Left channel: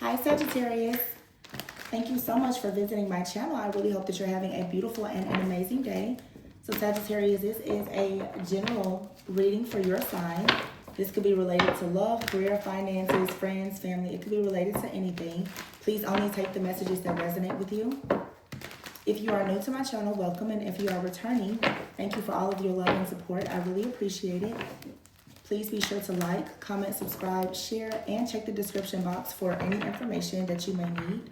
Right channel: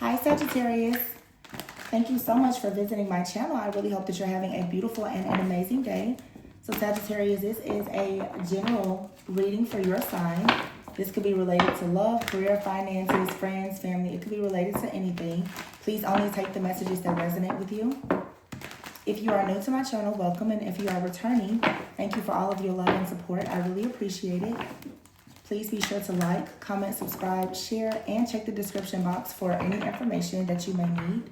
Hi Sagittarius. Thank you so much for visiting my channel. I really hope that you're having a beautiful and an amazing day. So Sagittarius, this is a general reading for your sign. This could be related to love, career, finances, friends, family. It could be related to anything. Please only take the messages that resonate with you. If you are new to my channel, welcome. And if you are returning, thank you for all of your love and support. I really appreciate it. Please be sure to like, comment, subscribe, share, and check the description box for any information that you may need.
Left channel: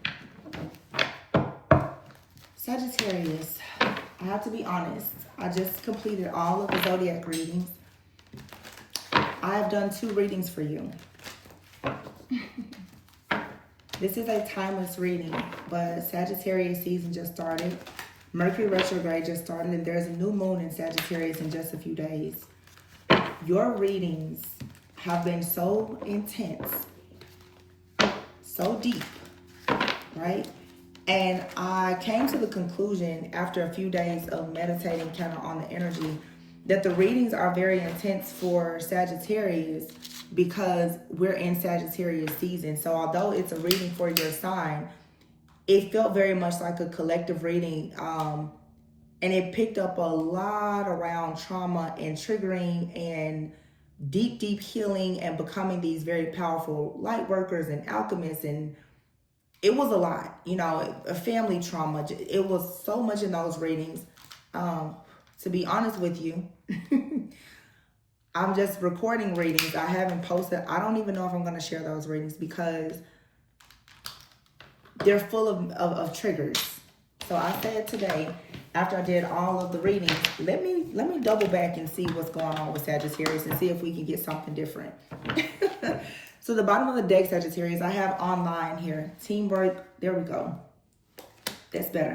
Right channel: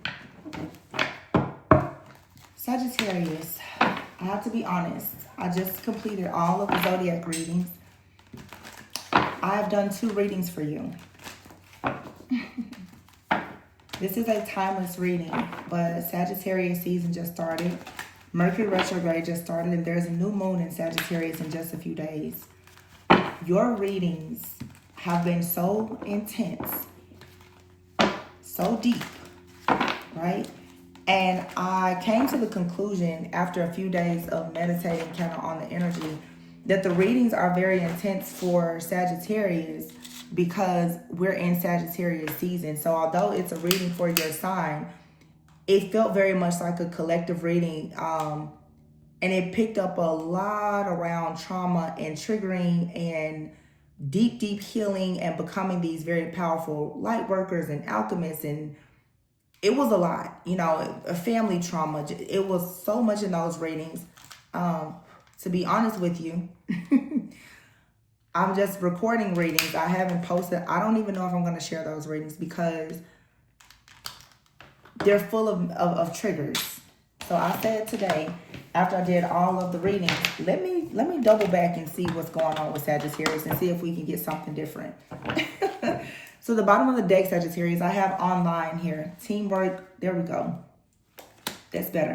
Sagittarius, I have to be honest. I just completed all of the zodiac readings. I have done 2 readings for you. This is a timeless reading, but Sagittarius season just started. Mercury retrograde just started, and there's a new moon in Sagittarius in just a few days. Your readings have been so intense, so deep, right? And I came to the conclusion after a few days of meditating kind of on the energy that the readings are very intense for Sagittarius because we're in Sagittarius season. So although it's a reading for your sign, it felt very much like a collective reading. And it picked up a lot around trauma and triggering and deep, deep healing and becoming these very powerful light workers and alchemists. And it was a lot, you know, a family trauma. It was so much in those readings. To be honest with you, I'm just recording readings. I haven't posted. I don't even know if I'm going to share those readings because they're full of triggers. So I said today, after I did all of the readings, let me double back and see what's going on with Sagittarius and see if we can get something different. So the bottom of the deck, Sagittarius, I have online here. Teamwork, there we go. That's better.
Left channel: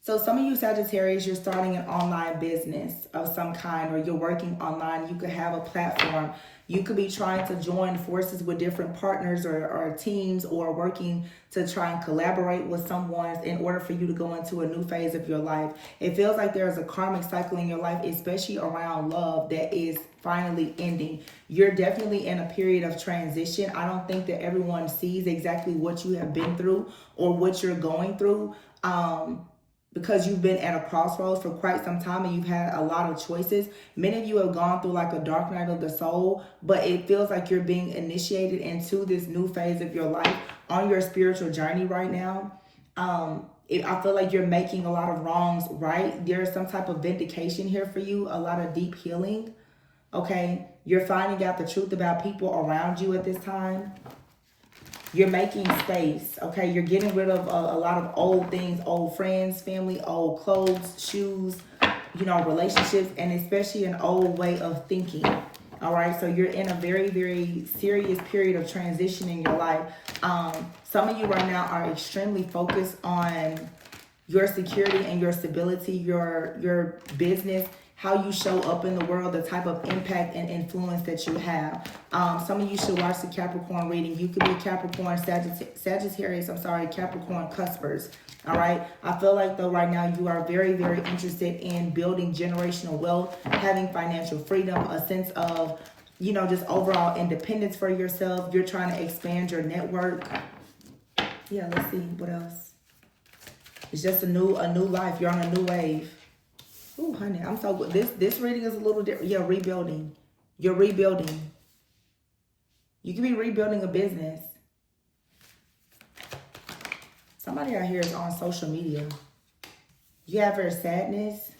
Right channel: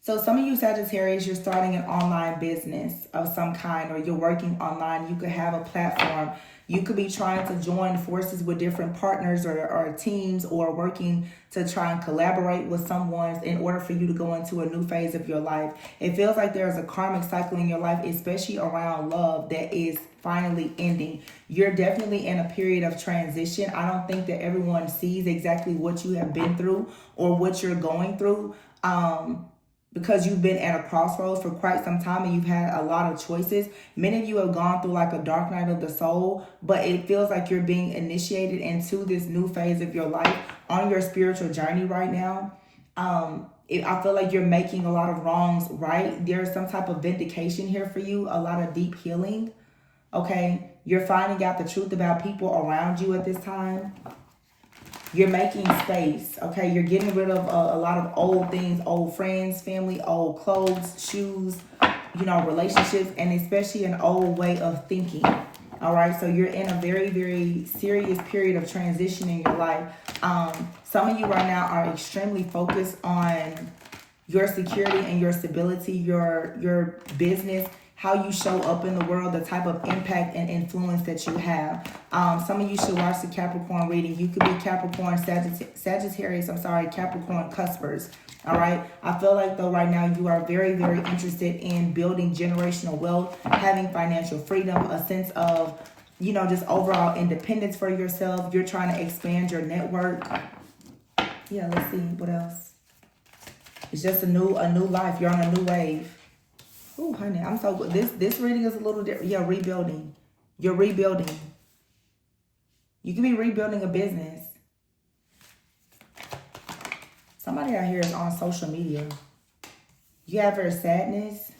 So some of you Sagittarius, you're starting an online business of some kind, or you're working online. You could have a platform. You could be trying to join forces with different partners or teams, or working to try and collaborate with someone in order for you to go into a new phase of your life. It feels like there's a karmic cycle in your life, especially around love, that is finally ending. You're definitely in a period of transition. I don't think that everyone sees exactly what you have been through or what you're going through. Because you've been at a crossroads for quite some time and you've had a lot of choices. Many of you have gone through like a dark night of the soul, but it feels like you're being initiated into this new phase of your life on your spiritual journey right now. I feel like you're making a lot of wrongs right. There's some type of vindication here for you, a lot of deep healing, okay? You're finding out the truth about people around you at this time. You're making space, okay? You're getting rid of a lot of old things, old friends, family, old clothes, shoes, you know, relationships, and especially an old way of thinking, all right? So you're in a very, very serious period of transition in your life. Some of you right now are extremely focused on your security and your stability, your business, how you show up in the world, the type of impact and influence that you have. Some of you should watch the Capricorn reading. You could be Capricorn, Sagittarius, Capricorn cuspers. All right. I feel like though right now you are very, very interested in building generational wealth, having financial freedom, a sense of, you know, just overall independence for yourself. You're trying to expand your network. Yeah, let's see what else. It's just a new life. You're on a new wave. Oh, honey, I'm so good. This reading is a little different. Yeah, rebuilding. You're rebuilding. You can be rebuilding a business. Somebody out here is on social media. You have your sadness.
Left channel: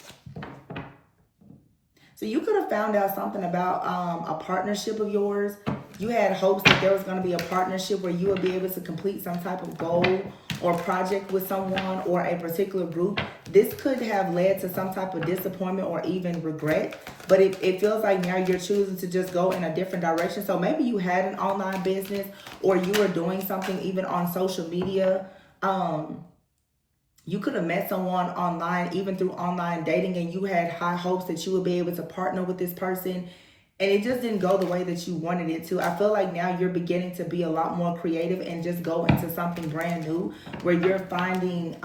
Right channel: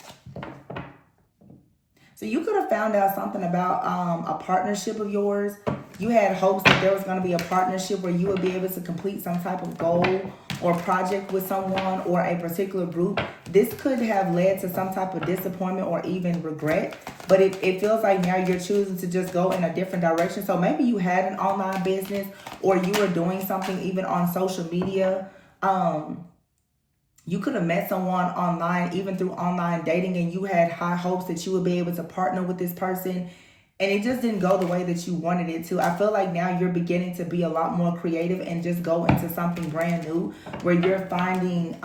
So you could have found out something about a partnership of yours. You had hopes that there was going to be a partnership where you would be able to complete some type of goal or project with someone or a particular group. This could have led to some type of disappointment or even regret, but it feels like now you're choosing to just go in a different direction. So maybe you had an online business, or you were doing something even on social media. You could have met someone online, even through online dating, and you had high hopes that you would be able to partner with this person, and it just didn't go the way that you wanted it to. I feel like now you're beginning to be a lot more creative and just go into something brand new, where you're finding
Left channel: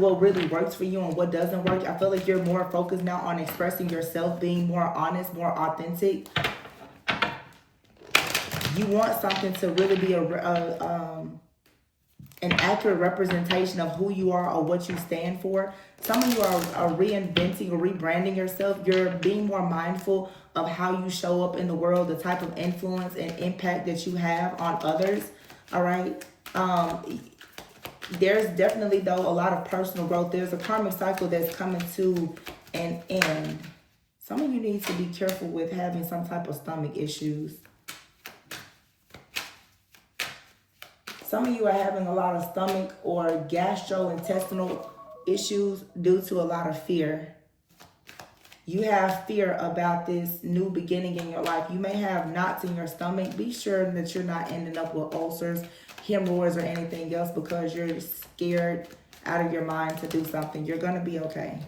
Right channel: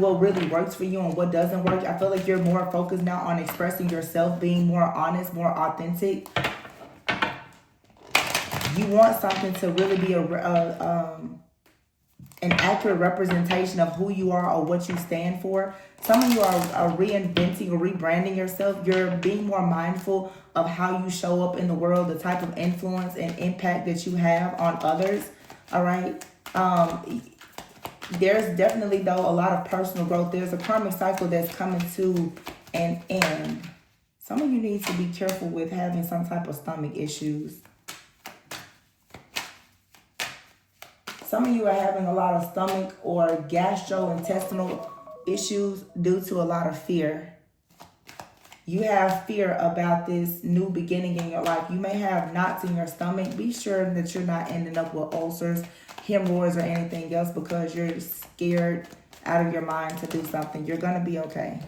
what really works for you and what doesn't work. I feel like you're more focused now on expressing yourself, being more honest, more authentic. You want something to really be an accurate representation of who you are or what you stand for. Some of you are reinventing or rebranding yourself. You're being more mindful of how you show up in the world, the type of influence and impact that you have on others. All right. There's definitely, though, a lot of personal growth. There's a karmic cycle that's coming to an end. Some of you need to be careful with having some type of stomach issues. Some of you are having a lot of stomach or gastrointestinal issues due to a lot of fear. You have fear about this new beginning in your life. You may have knots in your stomach. Be sure that you're not ending up with ulcers, hemorrhoids, or anything else because you're scared out of your mind to do something. You're going to be okay.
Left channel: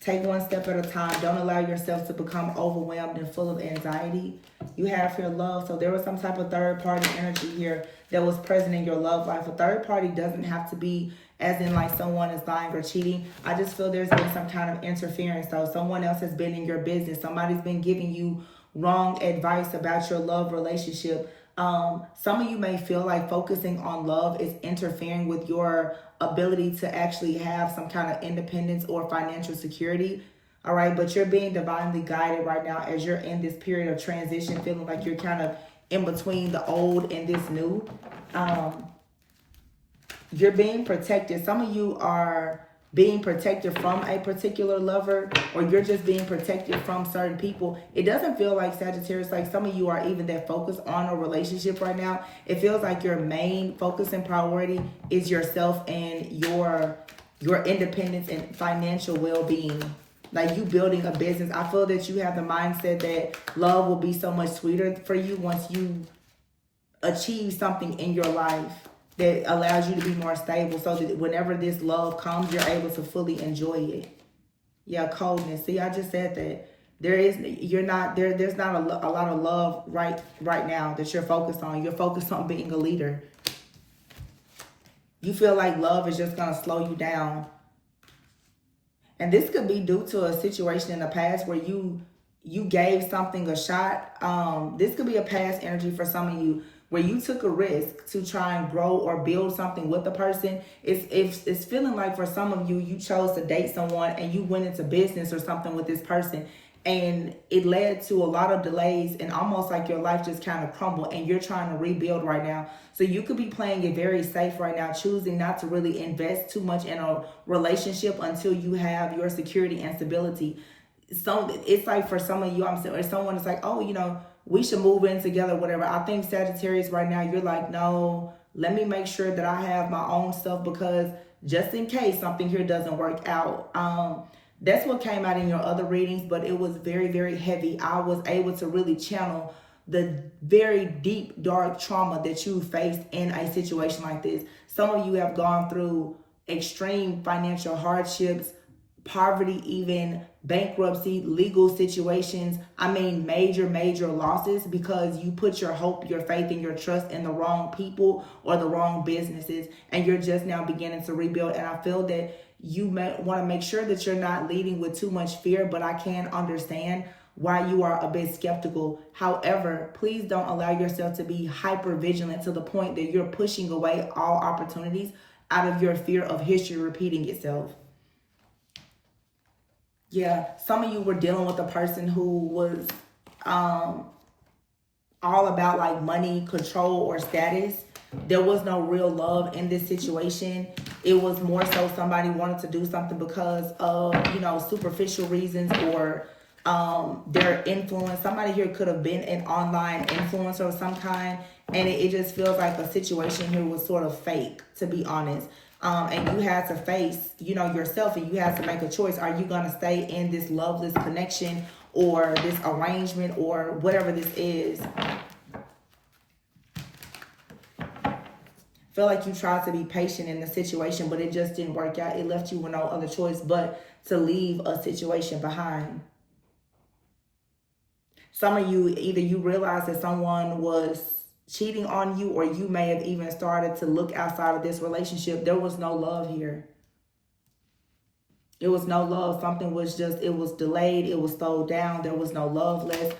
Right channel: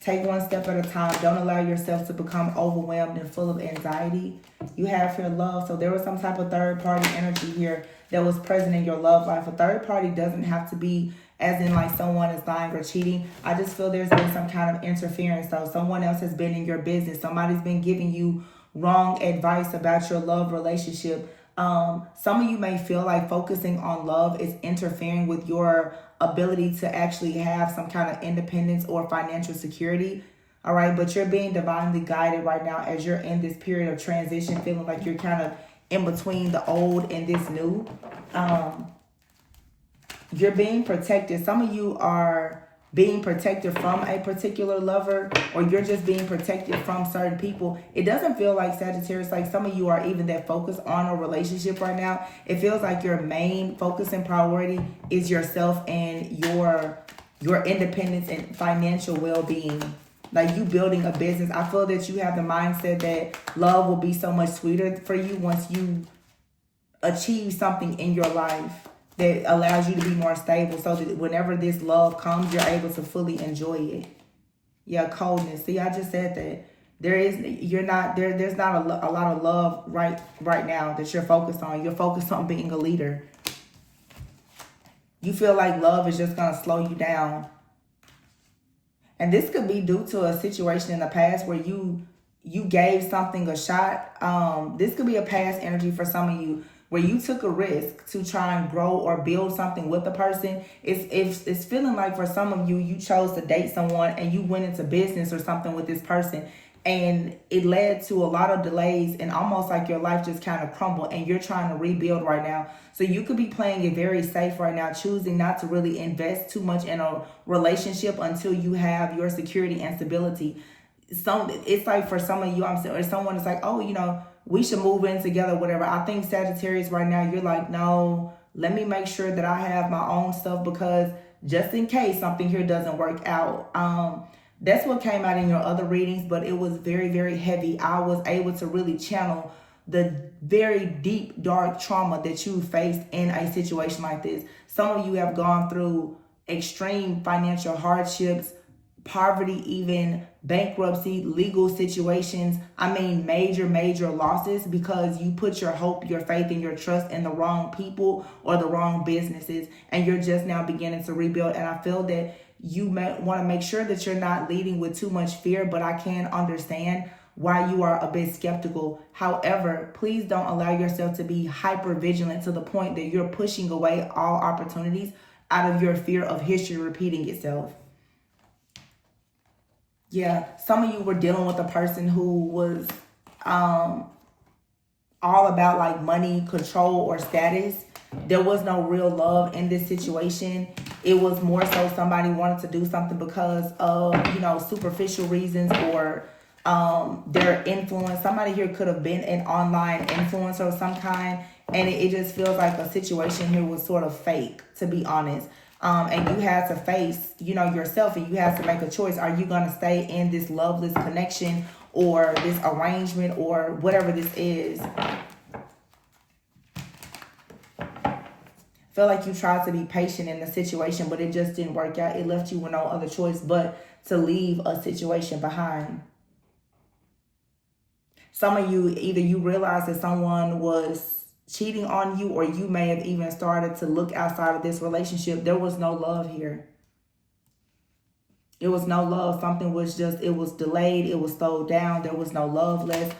Take one step at a time. Don't allow yourself to become overwhelmed and full of anxiety. You have your love. So there was some type of third party energy here that was present in your love life. A third party doesn't have to be as in like someone is lying or cheating. I just feel there's been some kind of interference. So someone else has been in your business. Somebody's been giving you wrong advice about your love relationship. Some of you may feel like focusing on love is interfering with your ability to actually have some kind of independence or financial security. All right, but you're being divinely guided right now as you're in this period of transition, feeling like you're kind of in between the old and this new. You're being protected. Some of you are being protected from a particular lover, or you're just being protected from certain people. It doesn't feel like, Sagittarius, like some of you are even that focused on a relationship right now. It feels like your main focus and priority is yourself and your independence and financial well-being. Like you building a business. I feel that you have the mindset that love will be so much sweeter for you once you achieve something in your life that allows you to be more stable, so that whenever this love comes, you're able to fully enjoy it. Yeah, coldness. See, I just said that. There's not a lot of love right now that you're focused on. You're focused on being a leader. You feel like love is just going to slow you down. And this could be due to a situation in the past where you gave something a shot. This could be a past energy for some of you, where you took a risk to try and grow or build something with a person. It's feeling like for some of you, you chose to date someone and you went into business or something with this person, and it led to a lot of delays and almost like your life just kind of crumbled and you're trying to rebuild right now. So you could be playing it very safe right now, choosing not to really invest too much in a relationship until you have your security and stability. So it's like for some of you, or someone is like, oh, we should move in together, whatever. I think Sagittarius right now, you're like, no, let me make sure that I have my own stuff, because just in case something here doesn't work out. That's what came out in your other readings, but it was very, very heavy. I was able to really channel the very deep, dark trauma that you faced in a situation like this. Some of you have gone through extreme financial hardships, poverty, even bankruptcy, legal situations. I mean, major, major losses because you put your hope, your faith, and your trust in the wrong people or the wrong businesses, and you're just now beginning to rebuild. And I feel that you may want to make sure that you're not leading with too much fear, but I can understand why you are a bit skeptical. However, please don't allow yourself to be hyper vigilant to the point that you're pushing away all opportunities out of your fear of history repeating itself. Yeah, some of you were dealing with a person who was all about like money, control, or status. There was no real love in this situation. It was more so somebody wanted to do something because of, superficial reasons or their influence. Somebody here could have been an online influencer of some kind, and it just feels like the situation here was sort of fake, to be honest. And you had to face, yourself, and you had to make a choice. Are you going to stay in this loveless connection or this arrangement or whatever this is? Feel like you tried to be patient in the situation, but it just didn't work out. It left you with no other choice but to leave a situation behind. Some of you, either you realized that someone was cheating on you, or you may have even started to look outside of this relationship. There was no love here. It was no love. Something was just, it was delayed. It was slowed down. There was no love left.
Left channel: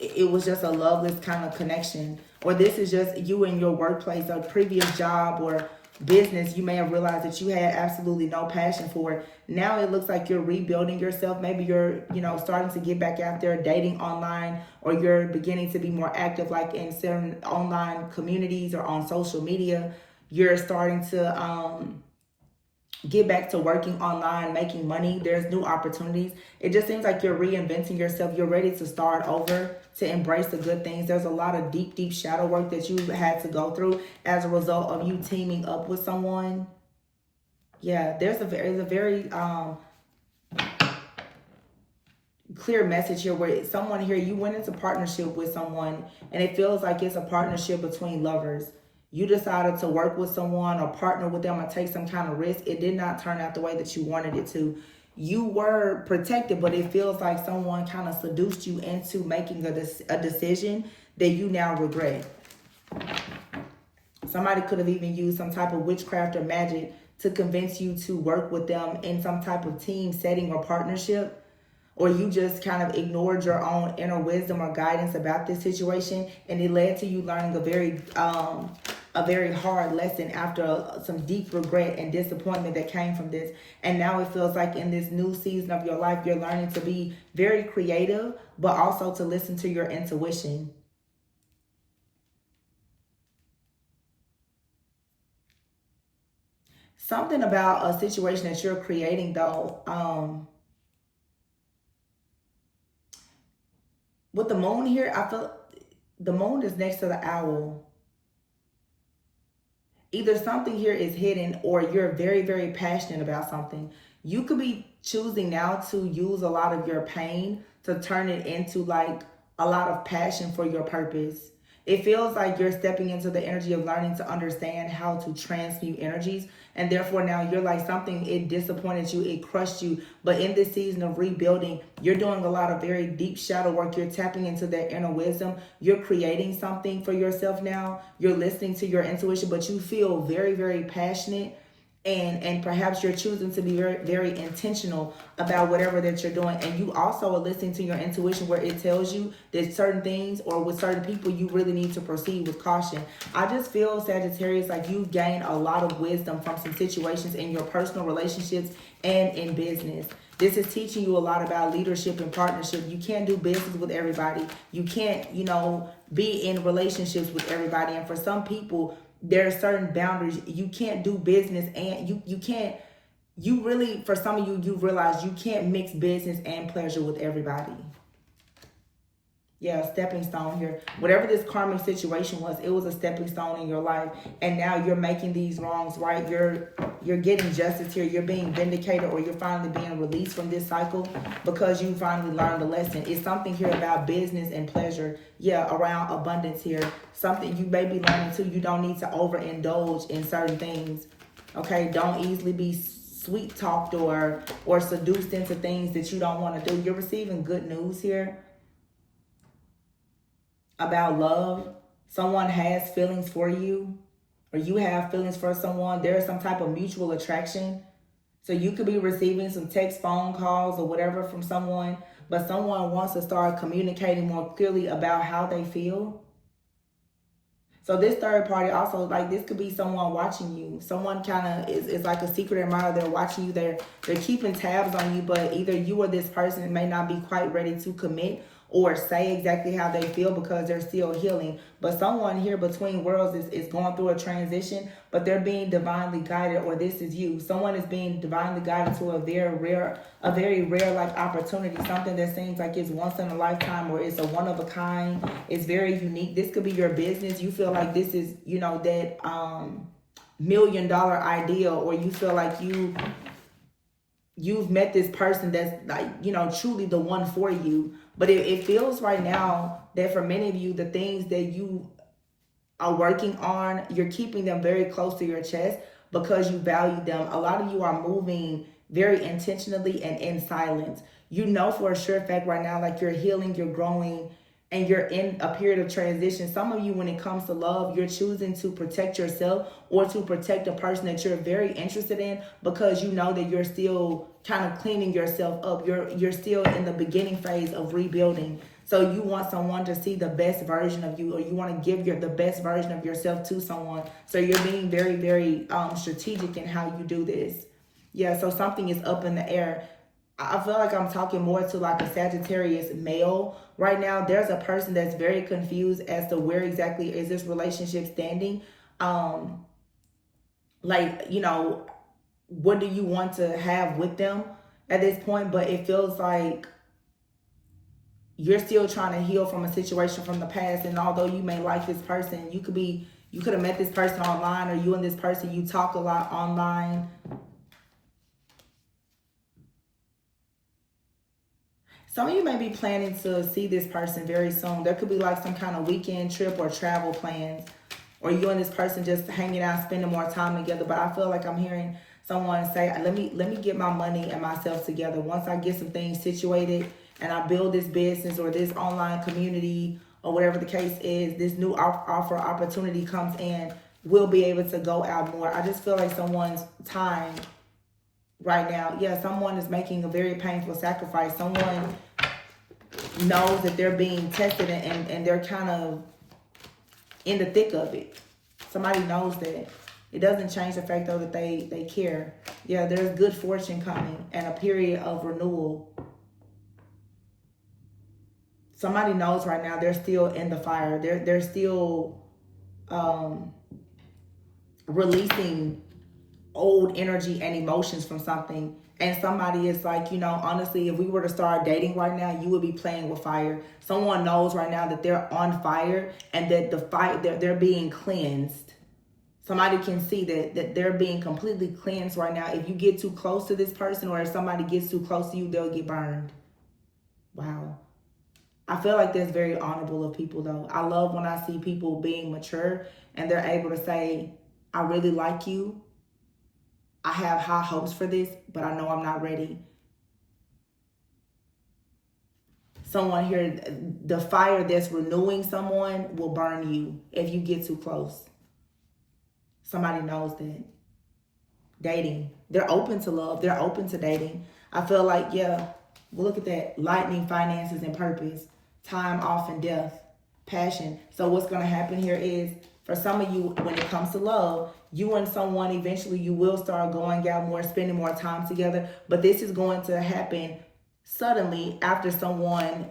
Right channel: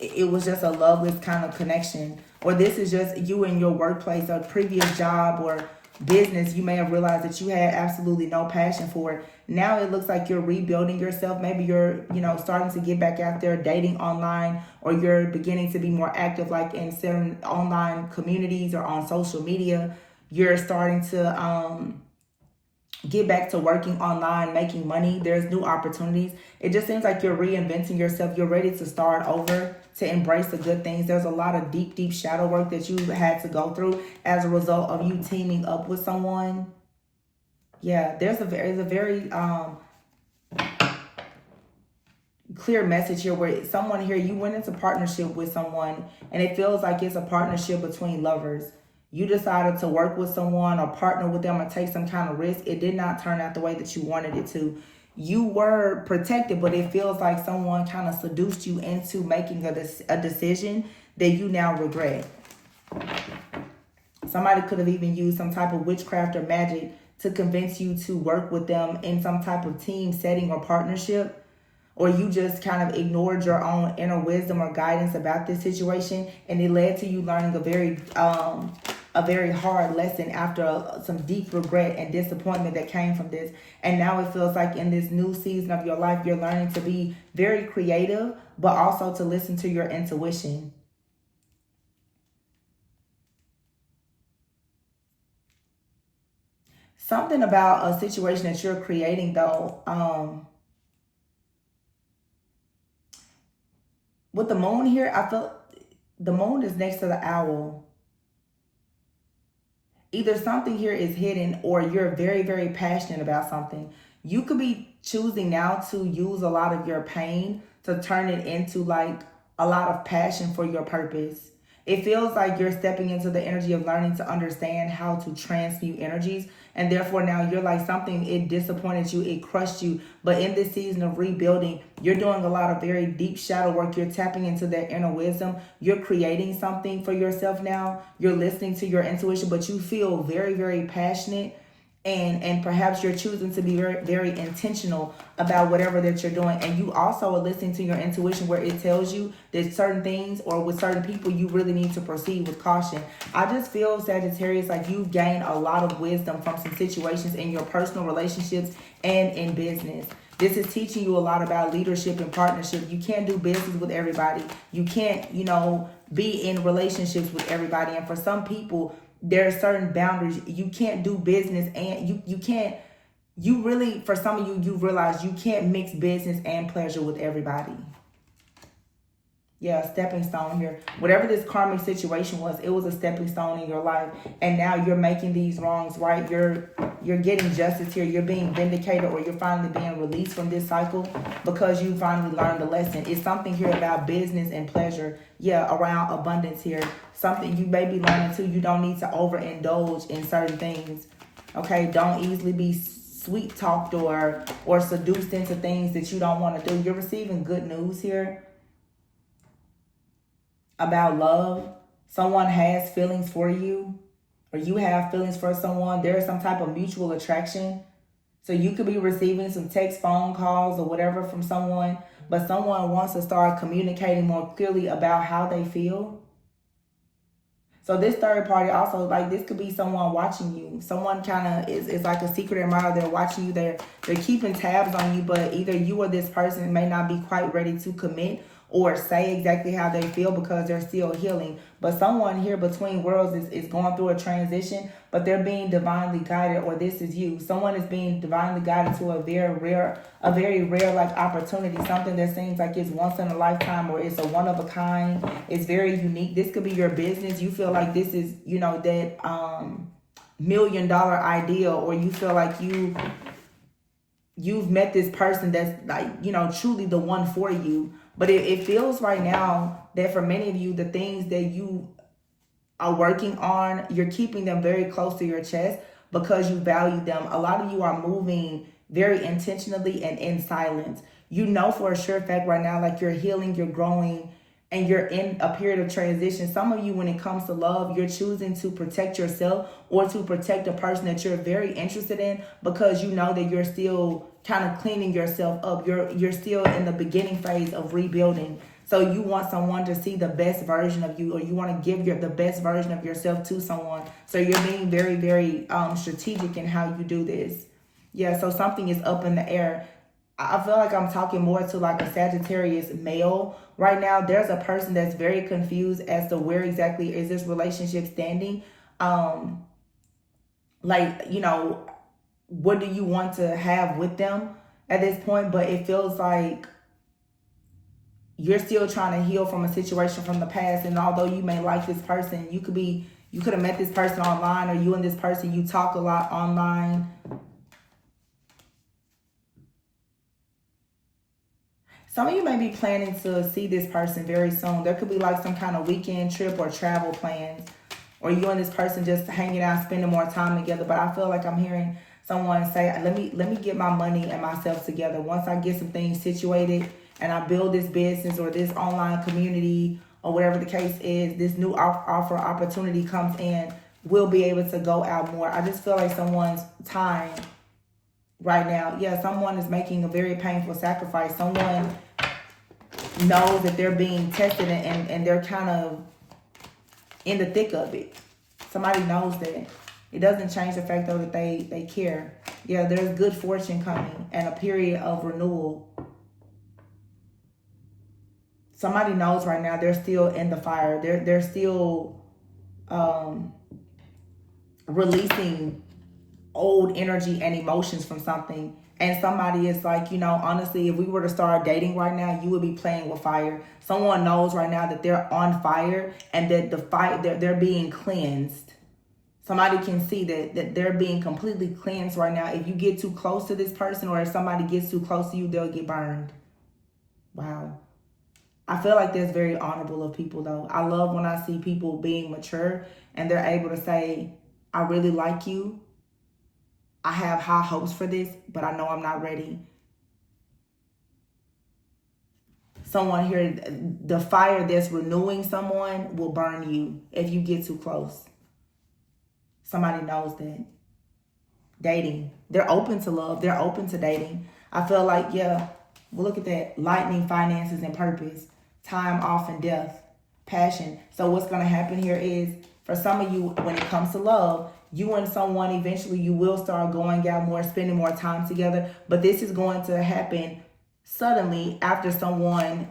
it was just a loveless kind of connection. Or this is just you in your workplace or previous job or business. You may have realized that you had absolutely no passion for it. Now it looks like you're rebuilding yourself. Maybe you're, starting to get back out there dating online, or you're beginning to be more active like in certain online communities or on social media. You're starting to get back to working online, making money. There's new opportunities. It just seems like you're reinventing yourself. You're ready to start over, to embrace the good things. There's a lot of deep, deep shadow work that you had to go through as a result of you teaming up with someone. Yeah, there's a very clear message here where someone here, you went into partnership with someone and it feels like it's a partnership between lovers. You decided to work with someone or partner with them or take some kind of risk. It did not turn out the way that you wanted it to. You were protected, but it feels like someone kind of seduced you into making a decision that you now regret. Somebody could have even used some type of witchcraft or magic to convince you to work with them in some type of team setting or partnership. Or you just kind of ignored your own inner wisdom or guidance about this situation, and it led to you learning a very hard lesson after some deep regret and disappointment that came from this. And now it feels like in this new season of your life, you're learning to be very creative, but also to listen to your intuition. Something about a situation that you're creating, though, with the moon here, I feel the moon is next to the owl. Either something here is hidden or you're very, very passionate about something. You could be choosing now to use a lot of your pain to turn it into like a lot of passion for your purpose. It feels like you're stepping into the energy of learning to understand how to transmute energies. And therefore now you're like something, it disappointed you, it crushed you. But in this season of rebuilding, you're doing a lot of very deep shadow work. You're tapping into that inner wisdom. You're creating something for yourself now. You're listening to your intuition, but you feel very, very passionate. And perhaps you're choosing to be very, very intentional about whatever that you're doing. And you also are listening to your intuition where it tells you that certain things or with certain people, you really need to proceed with caution. I just feel, Sagittarius, like you've gained a lot of wisdom from some situations in your personal relationships and in business. This is teaching you a lot about leadership and partnership. You can't do business with everybody. You can't, be in relationships with everybody. And for some people, there are certain boundaries. You can't do business and you really, for some of you, you realize you can't mix business and pleasure with everybody. Yeah, stepping stone here. Whatever this karmic situation was, it was a stepping stone in your life. And now you're making these wrongs right. You're getting justice here. You're being vindicated, or you're finally being released from this cycle because you finally learned the lesson. It's something here about business and pleasure. Yeah, around abundance here. Something you may be learning too. You don't need to overindulge in certain things. Okay, don't easily be sweet talked or seduced into things that you don't want to do. You're receiving good news here about love. Someone has feelings for you, or you have feelings for someone. There is some type of mutual attraction. So you could be receiving some text, phone calls, or whatever from someone, but someone wants to start communicating more clearly about how they feel. So this third party also, like this could be someone watching you. Someone kind of is like a secret admirer. They're watching you. They're keeping tabs on you, but either you or this person may not be quite ready to commit or say exactly how they feel because they're still healing. But someone here between worlds is going through a transition, but they're being divinely guided, or this is you. Someone is being divinely guided to a very rare like opportunity, something that seems like it's once in a lifetime, or it's a one of a kind. It's very unique. This could be your business. You feel like this is, that $1 million idea, or you feel like you've met this person that's like, truly the one for you. But it feels right now that for many of you, the things that you are working on, you're keeping them very close to your chest because you value them. A lot of you are moving very intentionally and in silence. You know for a sure fact right now, like you're healing, you're growing, and you're in a period of transition. Some of you, when it comes to love, you're choosing to protect yourself or to protect a person that you're very interested in because you know that you're still kind of cleaning yourself up. You're still in the beginning phase of rebuilding. So you want someone to see the best version of you, or you want to give the best version of yourself to someone. So you're being very, very strategic in how you do this. Yeah, so something is up in the air. I feel like I'm talking more to like a Sagittarius male right now. There's a person that's very confused as to where exactly is this relationship standing. Like, you know, what do you want to have with them at this point? But it feels like you're still trying to heal from a situation from the past. And although you may like this person, you could have met this person online, or you and this person, you talk a lot online. Some of you may be planning to see this person very soon. There could be like some kind of weekend trip or travel plans, or you and this person just hanging out, spending more time together. But I feel like I'm hearing someone say, let me get my money and myself together. Once I get some things situated and I build this business or this online community or whatever the case is, this new offer opportunity comes in, we'll be able to go out more. I just feel like someone's time right now, yeah, someone is making a very painful sacrifice. Someone knows that they're being tested and they're kind of in the thick of it. Somebody knows that. It doesn't change the fact though that they care. Yeah, there's good fortune coming and a period of renewal. Somebody knows right now they're still in the fire. They're still releasing old energy and emotions from something. And somebody is like, you know, honestly, if we were to start dating right now, you would be playing with fire. Someone knows right now that they're on fire and that the fire, they're being cleansed. Somebody can see that they're being completely cleansed right now. If you get too close to this person, or if somebody gets too close to you, they'll get burned. Wow. I feel like that's very honorable of people though. I love when I see people being mature and they're able to say, I really like you. I have high hopes for this, but I know I'm not ready. Someone here, the fire that's renewing someone will burn you if you get too close. Somebody knows that. Dating. They're open to love. They're open to dating. I feel like, yeah, well, look at that. Lightning, finances, and purpose. Time, off, and death. Passion. So what's going to happen here is, for some of you, when it comes to love, you and someone, eventually you will start going out more, spending more time together. But this is going to happen suddenly after someone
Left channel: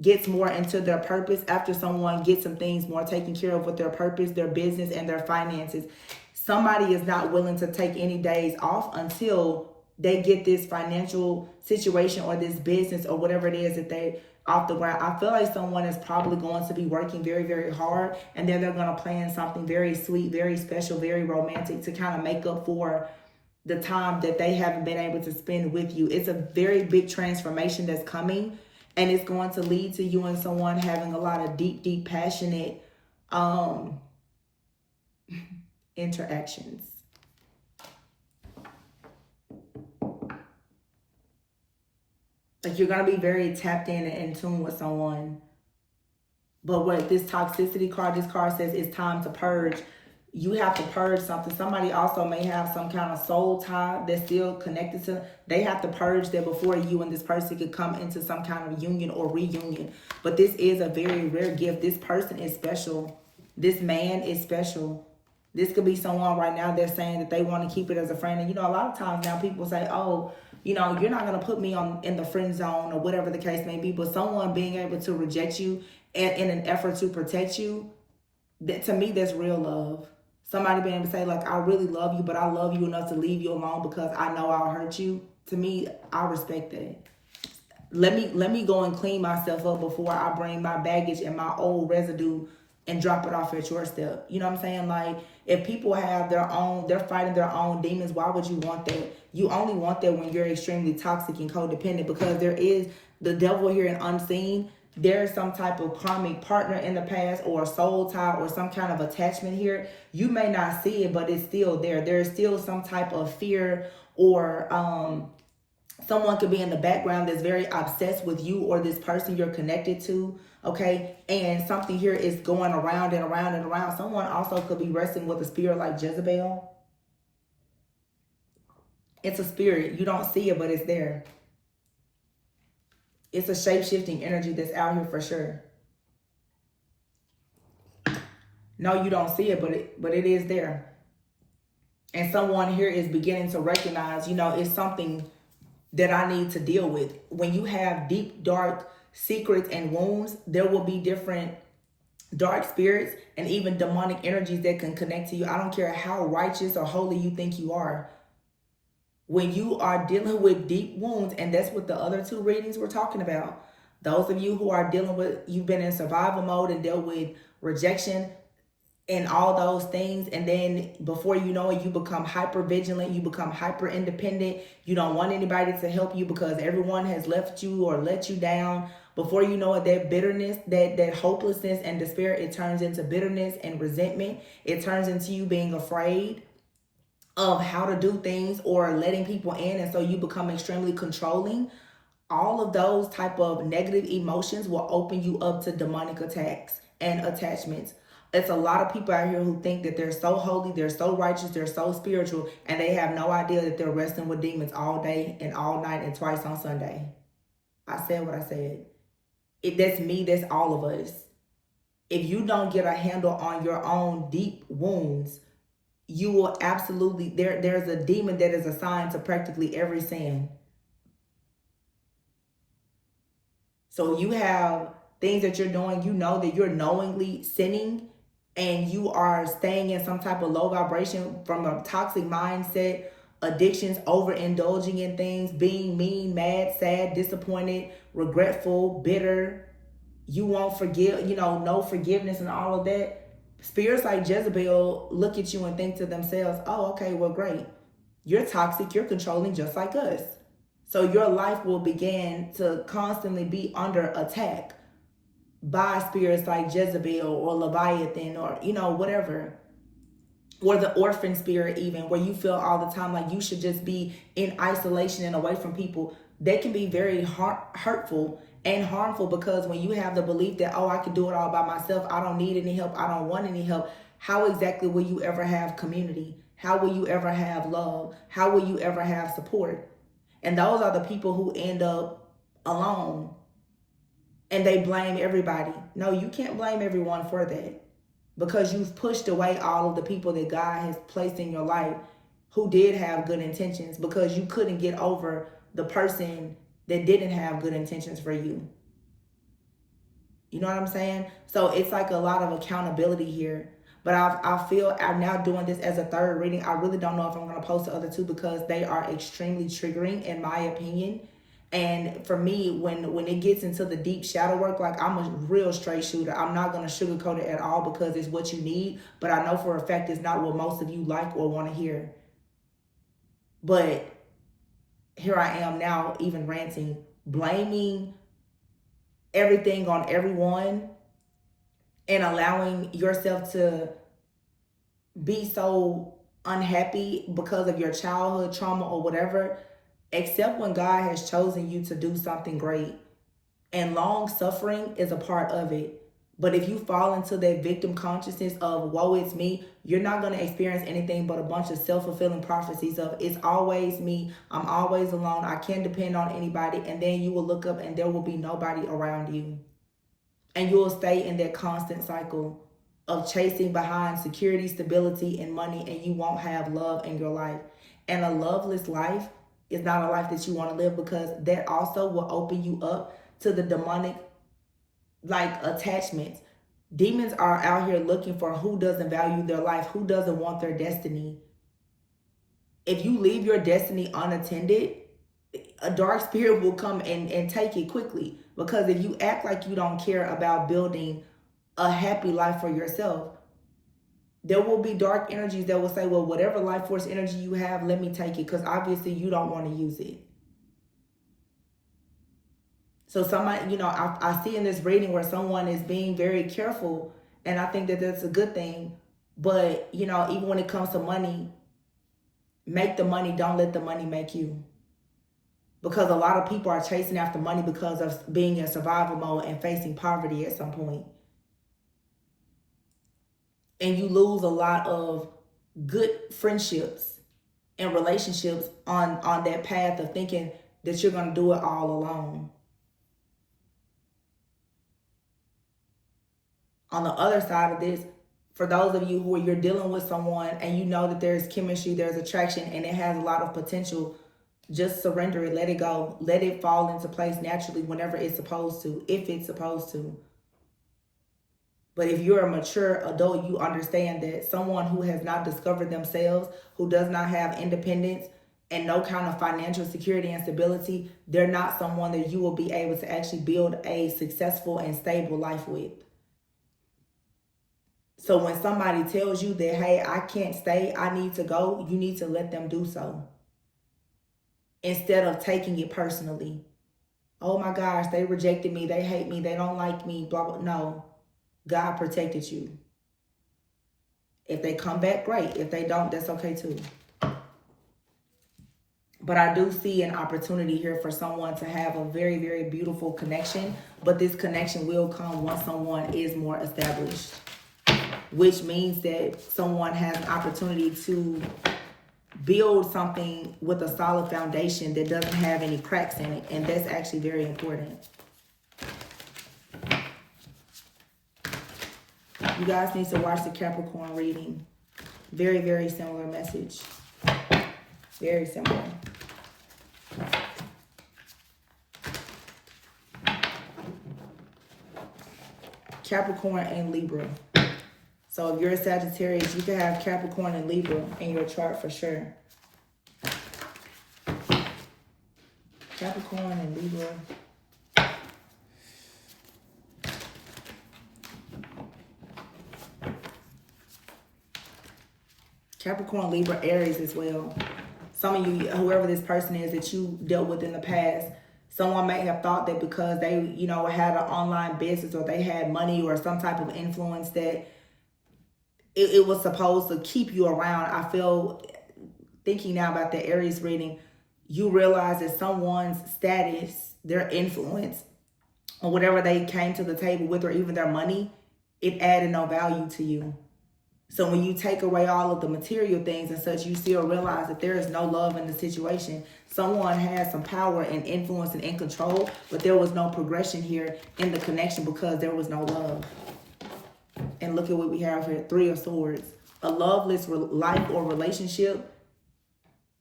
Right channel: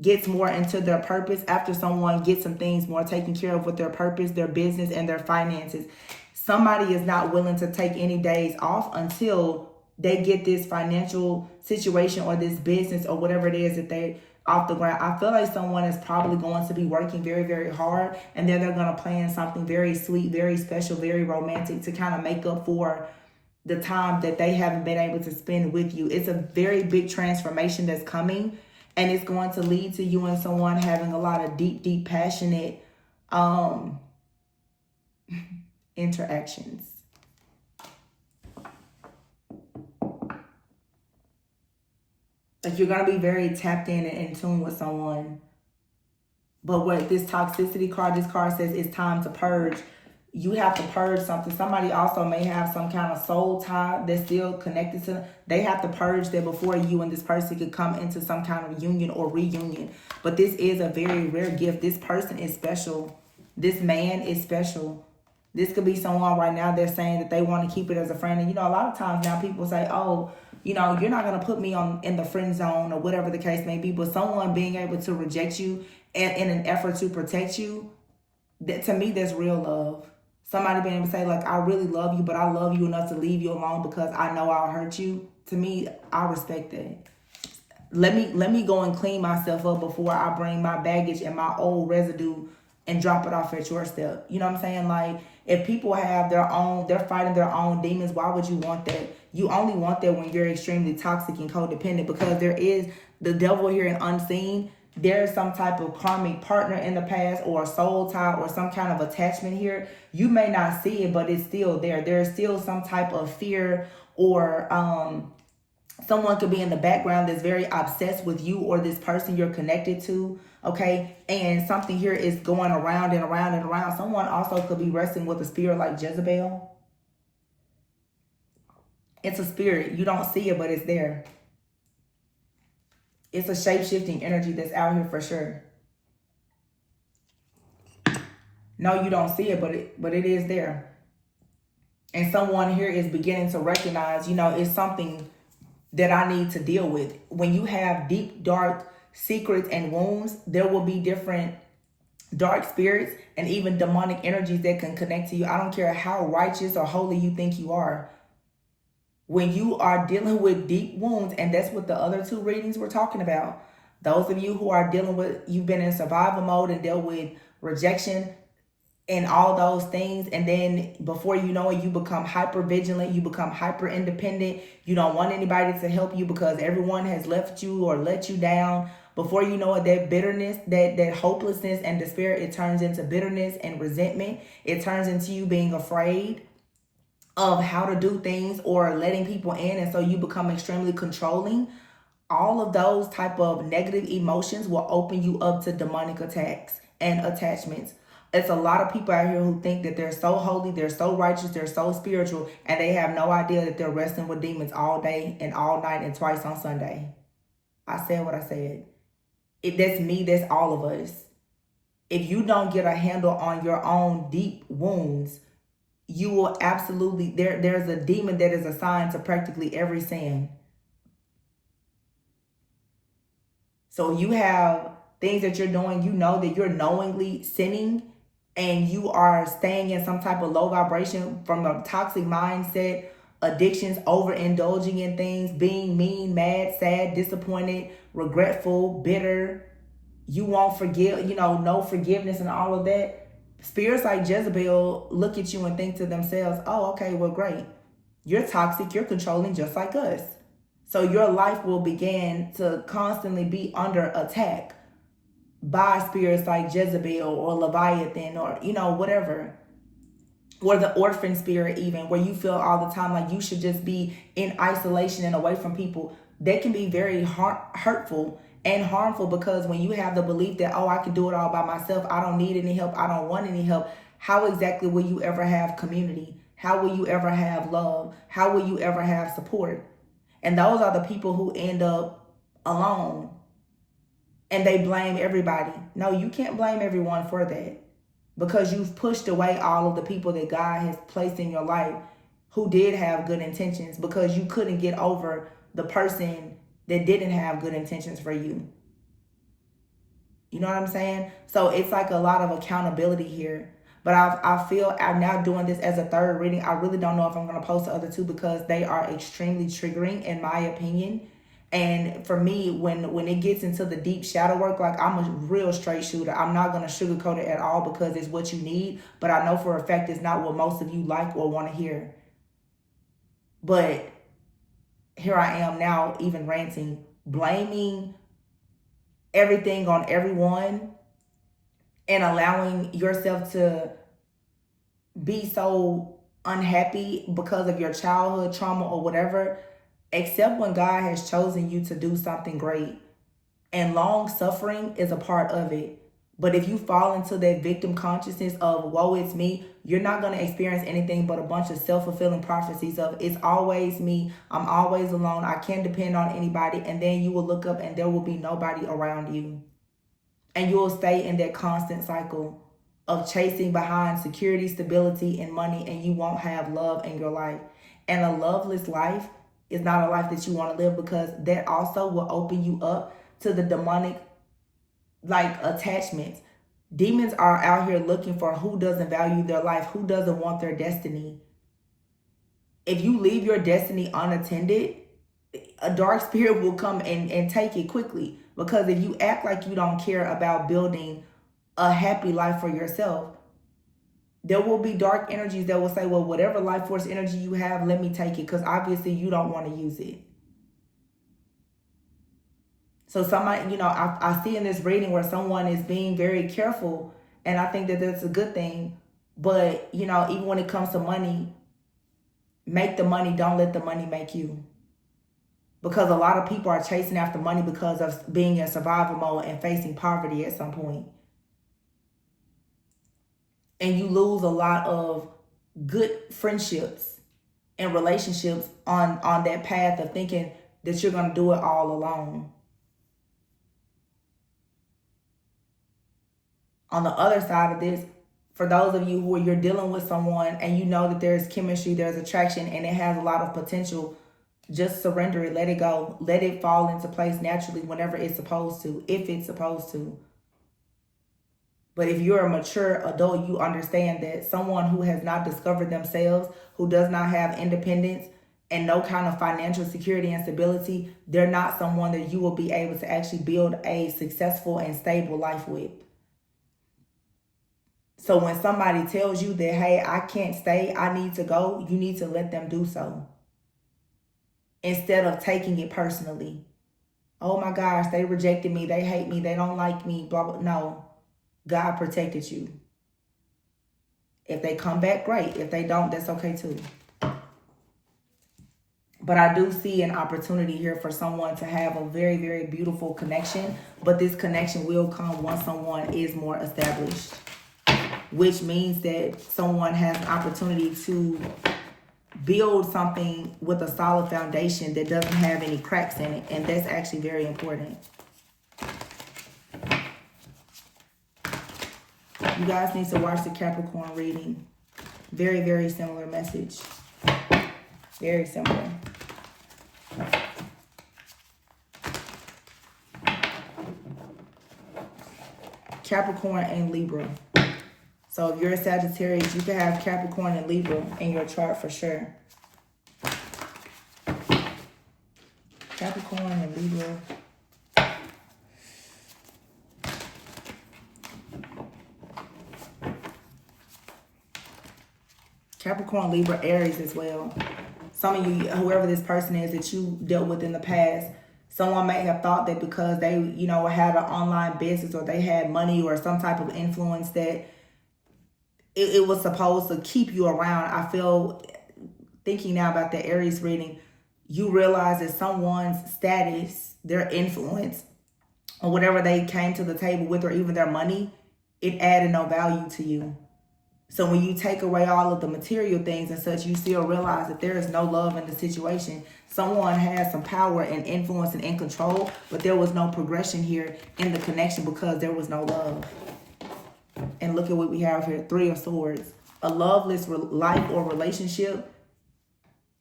gets more into their purpose, after someone gets some things more taken care of with their purpose, their business, and their finances. Somebody is not willing to take any days off until they get this financial situation or this business or whatever it is that they off the ground. I feel like someone is probably going to be working very, very hard, and then they're going to plan something very sweet, very special, very romantic to kind of make up for the time that they haven't been able to spend with you. It's a very big transformation that's coming, and it's going to lead to you and someone having a lot of deep, deep, passionate interactions. Like, you're going to be very tapped in and in tune with someone. But what this toxicity card, this card says it's time to purge. You have to purge something. Somebody also may have some kind of soul tie that's still connected to. They have to purge that before you and this person could come into some kind of union or reunion. But this is a very rare gift. This person is special. This man is special. This could be someone right now that's saying that they want to keep it as a friend. And, you know, a lot of times now people say, oh, you know, you're not going to put me in the friend zone or whatever the case may be. But someone being able to reject you in an effort to protect you, that, to me, that's real love. Somebody being able to say, like, I really love you, but I love you enough to leave you alone because I know I'll hurt you. To me, I respect that. Let me go and clean myself up before I bring my baggage and my old residue and drop it off at your step. You know what I'm saying? Like, if people have they're fighting their own demons, why would you want that? You only want that when you're extremely toxic and codependent, because there is the devil here and unseen. There's some type of karmic partner in the past, or a soul tie, or some kind of attachment here. You may not see it, but it's still there. There's still some type of fear, or someone could be in the background that's very obsessed with you or this person you're connected to. Okay, and something here is going around and around and around. Someone also could be wrestling with a spirit like Jezebel. It's a spirit. You don't see it, but it's there. It's a shape-shifting energy that's out here for sure. No, you don't see it, but it is there. And someone here is beginning to recognize, it's something that I need to deal with. When you have deep, dark secrets and wounds, there will be different dark spirits and even demonic energies that can connect to you. I don't care how righteous or holy you think you are. When you are dealing with deep wounds, and that's what the other two readings were talking about. Those of you who are dealing with, you've been in survival mode and dealt with rejection and all those things, and then before you know it, you become hyper vigilant, you become hyper independent, you don't want anybody to help you because everyone has left you or let you down. Before you know it, that bitterness, that hopelessness and despair, it turns into bitterness and resentment. It turns into you being afraid of how to do things or letting people in, and so you become extremely controlling. All of those type of negative emotions will open you up to demonic attacks and attachments. It's a lot of people out here who think that they're so holy, they're so righteous, they're so spiritual, and they have no idea that they're wrestling with demons all day and all night and twice on Sunday. I said what I said. That's me, that's all of us. If you don't get a handle on your own deep wounds, you will absolutely, there's a demon that is assigned to practically every sin. So you have things that you're doing, you know that you're knowingly sinning, and you are staying in some type of low vibration from a toxic mindset, addictions, overindulging in things, being mean, mad, sad, disappointed, regretful, bitter. You won't forgive, no forgiveness and all of that. Spirits like Jezebel look at you and think to themselves, oh, okay, well, great. You're toxic, you're controlling just like us. So your life will begin to constantly be under attack by spirits like Jezebel or Leviathan or, whatever. Or the orphan spirit even, where you feel all the time like you should just be in isolation and away from people. They can be very hurtful and harmful, because when you have the belief that, oh, I can do it all by myself, I don't need any help, I don't want any help, how exactly will you ever have community? How will you ever have love? How will you ever have support? And those are the people who end up alone. And they blame everybody. No, you can't blame everyone for that, because you've pushed away all of the people that God has placed in your life who did have good intentions, because you couldn't get over the person that didn't have good intentions for you. You know what I'm saying? So it's like a lot of accountability here. But I feel I'm now doing this as a third reading. I really don't know if I'm going to post the other two, because they are extremely triggering in my opinion. And for me, when it gets into the deep shadow work, like, I'm a real straight shooter. I'm not going to sugarcoat it at all, because it's what you need. But I know for a fact it's not what most of you like or want to hear. But here I am now, even ranting, blaming everything on everyone, and allowing yourself to be so unhappy because of your childhood trauma or whatever, except when God has chosen you to do something great. And long suffering is a part of it. But if you fall into that victim consciousness of woe, it's me, you're not going to experience anything but a bunch of self-fulfilling prophecies of it's always me, I'm always alone, I can't depend on anybody. And then you will look up and there will be nobody around you. And you will stay in that constant cycle of chasing behind security, stability, and money, and you won't have love in your life. And a loveless life is not a life that you want to live, because that also will open you up to the demonic attachments. Demons are out here looking for who doesn't value their life, who doesn't want their destiny. If you leave your destiny unattended, a dark spirit will come and take it quickly. Because if you act like you don't care about building a happy life for yourself, there will be dark energies that will say, well, whatever life force energy you have, let me take it, because obviously you don't want to use it. So somebody, I see in this reading where someone is being very careful, and I think that that's a good thing. But, even when it comes to money, make the money, don't let the money make you. Because a lot of people are chasing after money because of being in survival mode and facing poverty at some point. And you lose a lot of good friendships and relationships on that path of thinking that you're going to do it all alone. On the other side of this, for those of you who you're dealing with someone and you know that there's chemistry, there's attraction, and it has a lot of potential, just surrender it, let it go, let it fall into place naturally whenever it's supposed to, if it's supposed to. But if you're a mature adult, you understand that someone who has not discovered themselves, who does not have independence and no kind of financial security and stability, they're not someone that you will be able to actually build a successful and stable life with. So when somebody tells you that, hey, I can't stay, I need to go, you need to let them do so. Instead of taking it personally. Oh my gosh, they rejected me, they hate me, they don't like me, blah, blah. No, God protected you. If they come back, great. If they don't, that's okay too. But I do see an opportunity here for someone to have a very, very beautiful connection. But this connection will come once someone is more established. Which means that someone has an opportunity to build something with a solid foundation that doesn't have any cracks in it. And that's actually very important. You guys need to watch the Capricorn reading. Very, very similar message. Very similar. Capricorn and Libra. So if you're a Sagittarius, you can have Capricorn and Libra in your chart for sure. Capricorn and Libra. Capricorn, Libra, Aries as well. Some of you, whoever this person is that you dealt with in the past, someone may have thought that because they, had an online business or they had money or some type of influence that it was supposed to keep you around. I feel, thinking now about the Aries reading, you realize that someone's status, their influence, or whatever they came to the table with, or even their money, it added no value to you. So when you take away all of the material things and such, you still realize that there is no love in the situation. Someone has some power and influence and in control, but there was no progression here in the connection because there was no love. And look at what we have here, 3 of Swords. A loveless life or relationship,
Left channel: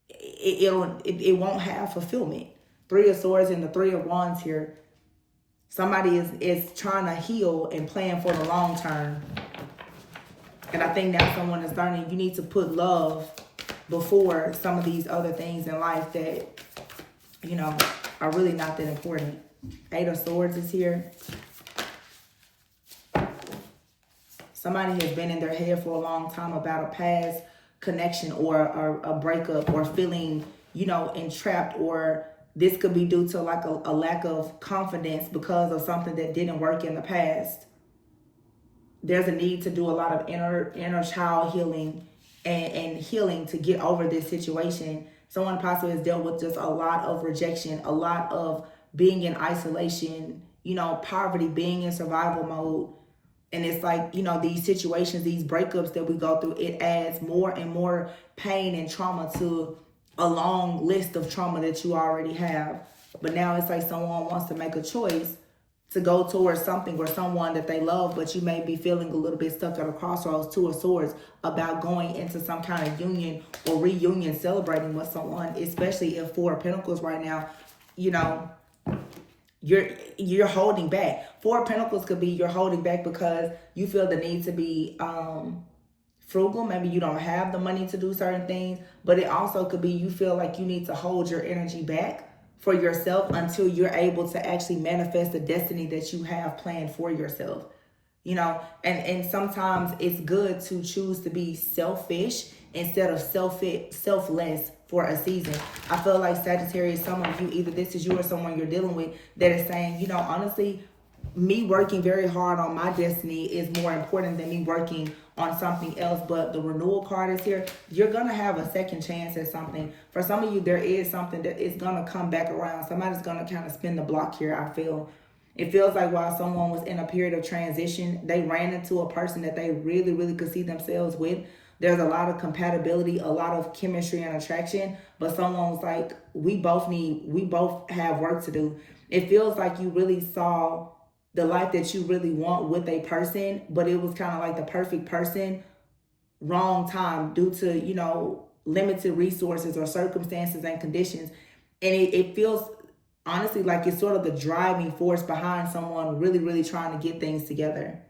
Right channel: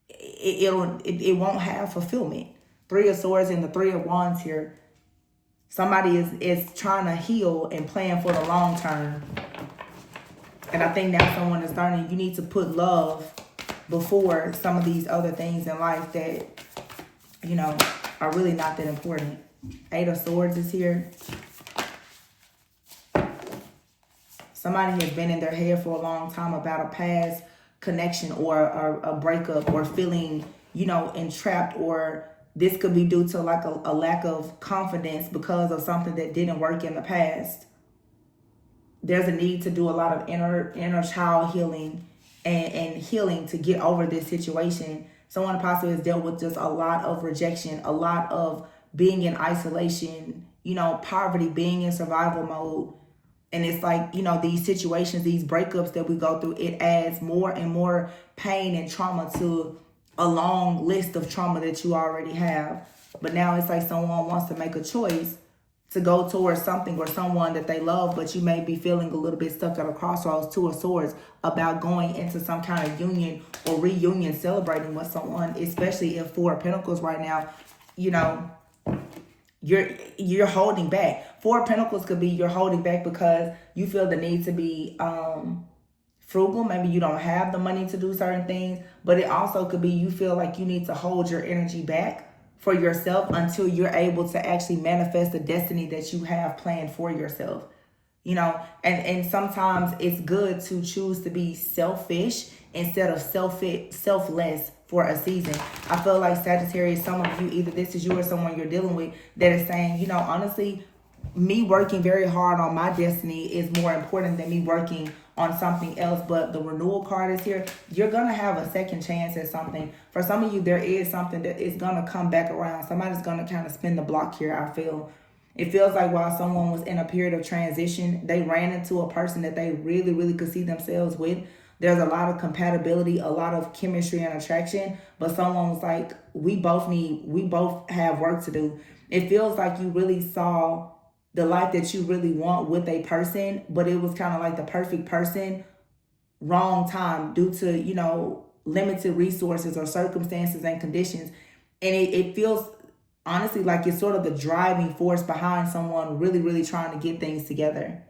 it won't have fulfillment. 3 of Swords and the 3 of Wands here. Somebody is trying to heal and plan for the long term. And I think now someone is learning you need to put love before some of these other things in life that, are really not that important. 8 of Swords is here. Somebody has been in their head for a long time about a past connection or a breakup or feeling, entrapped, or this could be due to like a lack of confidence because of something that didn't work in the past. There's a need to do a lot of inner child healing and healing to get over this situation. Someone possibly has dealt with just a lot of rejection, a lot of being in isolation, poverty, being in survival mode. And it's like, these situations, these breakups that we go through, it adds more and more pain and trauma to a long list of trauma that you already have. But now it's like someone wants to make a choice to go towards something or someone that they love, but you may be feeling a little bit stuck at a crossroads. 2 of Swords, about going into some kind of union or reunion, celebrating with someone, especially if 4 of Pentacles right now, you're holding back. 4 of Pentacles could be you're holding back because you feel the need to be frugal. Maybe you don't have the money to do certain things, but it also could be you feel like you need to hold your energy back for yourself until you're able to actually manifest the destiny that you have planned for yourself. And sometimes it's good to choose to be selfish instead of selfless for a season. I feel like Sagittarius, some of you, either this is you or someone you're dealing with, that is saying, honestly, me working very hard on my destiny is more important than me working on something else. But the renewal card is here. You're going to have a second chance at something. For some of you, there is something that is going to come back around. Somebody's going to kind of spin the block here, I feel. It feels like while someone was in a period of transition, they ran into a person that they really, really could see themselves with. There's a lot of compatibility, a lot of chemistry and attraction, but someone was like, we both have work to do. It feels like you really saw the life that you really want with a person, but it was kind of like the perfect person, wrong time due to, you know, limited resources or circumstances and conditions. And it feels honestly like it's sort of the driving force behind someone really, really trying to get things together.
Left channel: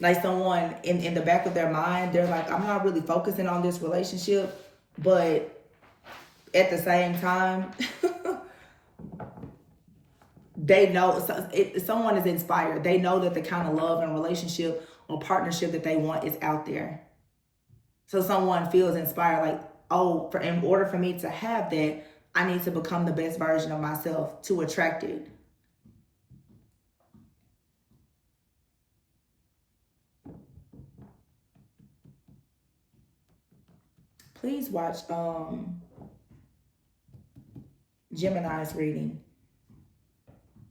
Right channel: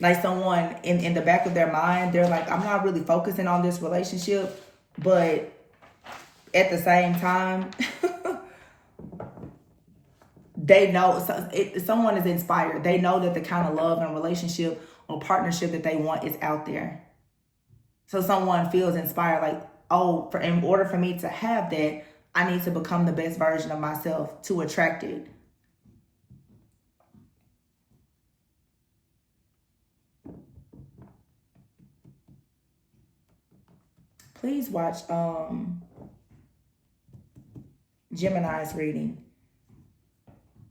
Like someone in the back of their mind, they're like, I'm not really focusing on this relationship, but at the same time, they know someone is inspired. They know that the kind of love and relationship or partnership that they want is out there. So someone feels inspired, like, oh, in order for me to have that, I need to become the best version of myself to attract it. Please watch Gemini's reading.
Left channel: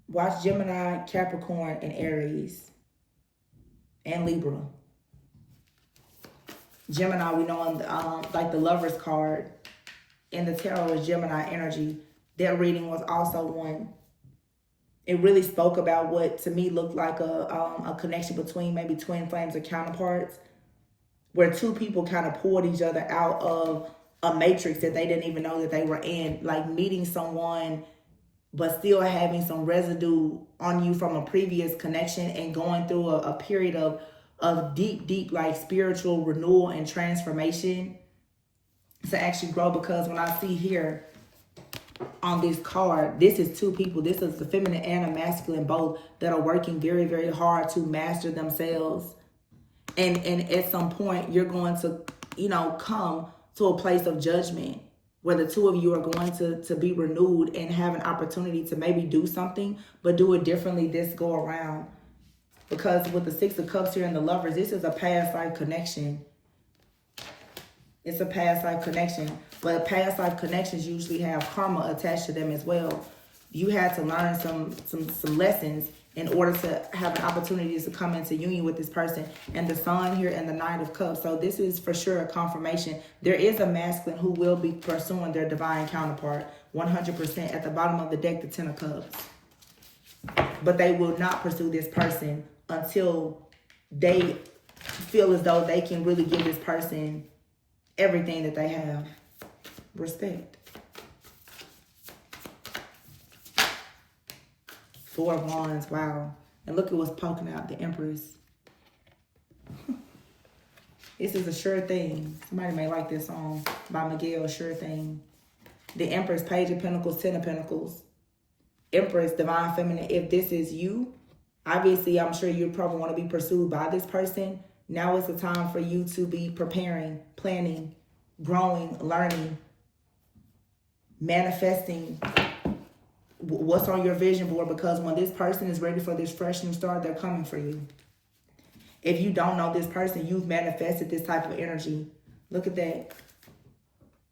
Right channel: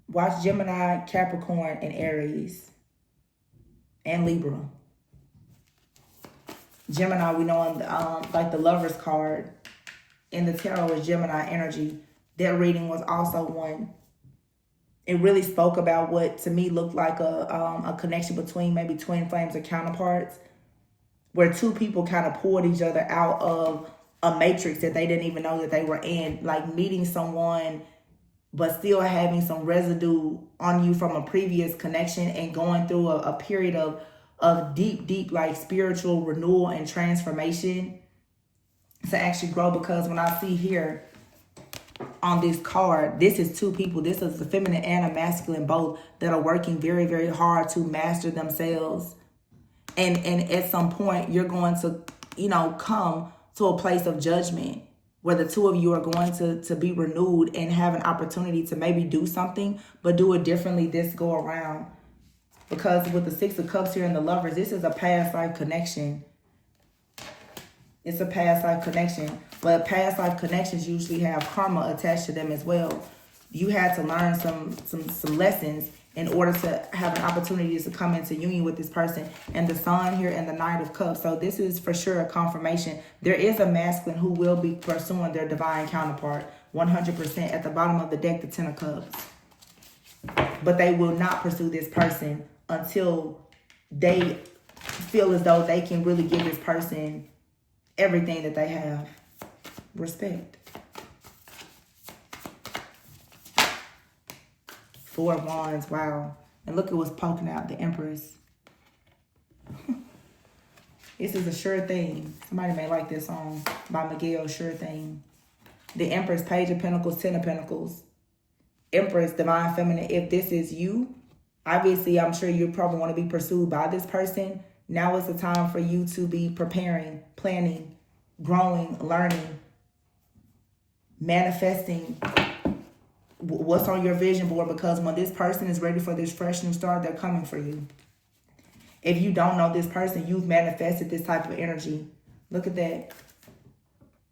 Watch Gemini, Capricorn, and Aries, and Libra. Gemini, we know on like the Lover's card in the tarot is Gemini energy. Their reading was also one. It really spoke about what to me looked like a connection between maybe twin flames or counterparts, where two people kind of pulled each other out of a matrix that they didn't even know that they were in, like meeting someone but still having some residue on you from a previous connection and going through a period of deep like spiritual renewal and transformation to actually grow. Because when I see here on this card, this is two people. This is the feminine and a masculine, both that are working very, very hard to master themselves. And at some point, you're going to, you know, come to a place of judgment where the two of you are going to be renewed and have an opportunity to maybe do something, but do it differently this go around. Because with the Six of Cups here and the Lovers, this is a past life connection. It's a past life connection. But past life connections usually have karma attached to them as well. You had to learn some lessons in order to have an opportunity to come into union with this person. And the Sun here and the Knight of Cups. So this is for sure a confirmation. There is a masculine who will be pursuing their divine counterpart. 100% at the bottom of the deck, the Ten of Cups. But they will not pursue this person until they feel as though they can really give this person everything that they have. Respect. Four of Wands, wow. And look at what's poking out, the Empress. This is a sure thing. Somebody may like this song by Miguel, Sure Thing. The Empress, Page of Pentacles, Ten of Pentacles. Empress, Divine Feminine. If this is you, obviously I'm sure you probably want to be pursued by this person. Now is the time for you to be preparing, planning, growing, learning, manifesting what's on your vision board, because when this person is ready for this fresh new start, they're coming for you. If you don't know this person, you've manifested this type of energy. Look at that.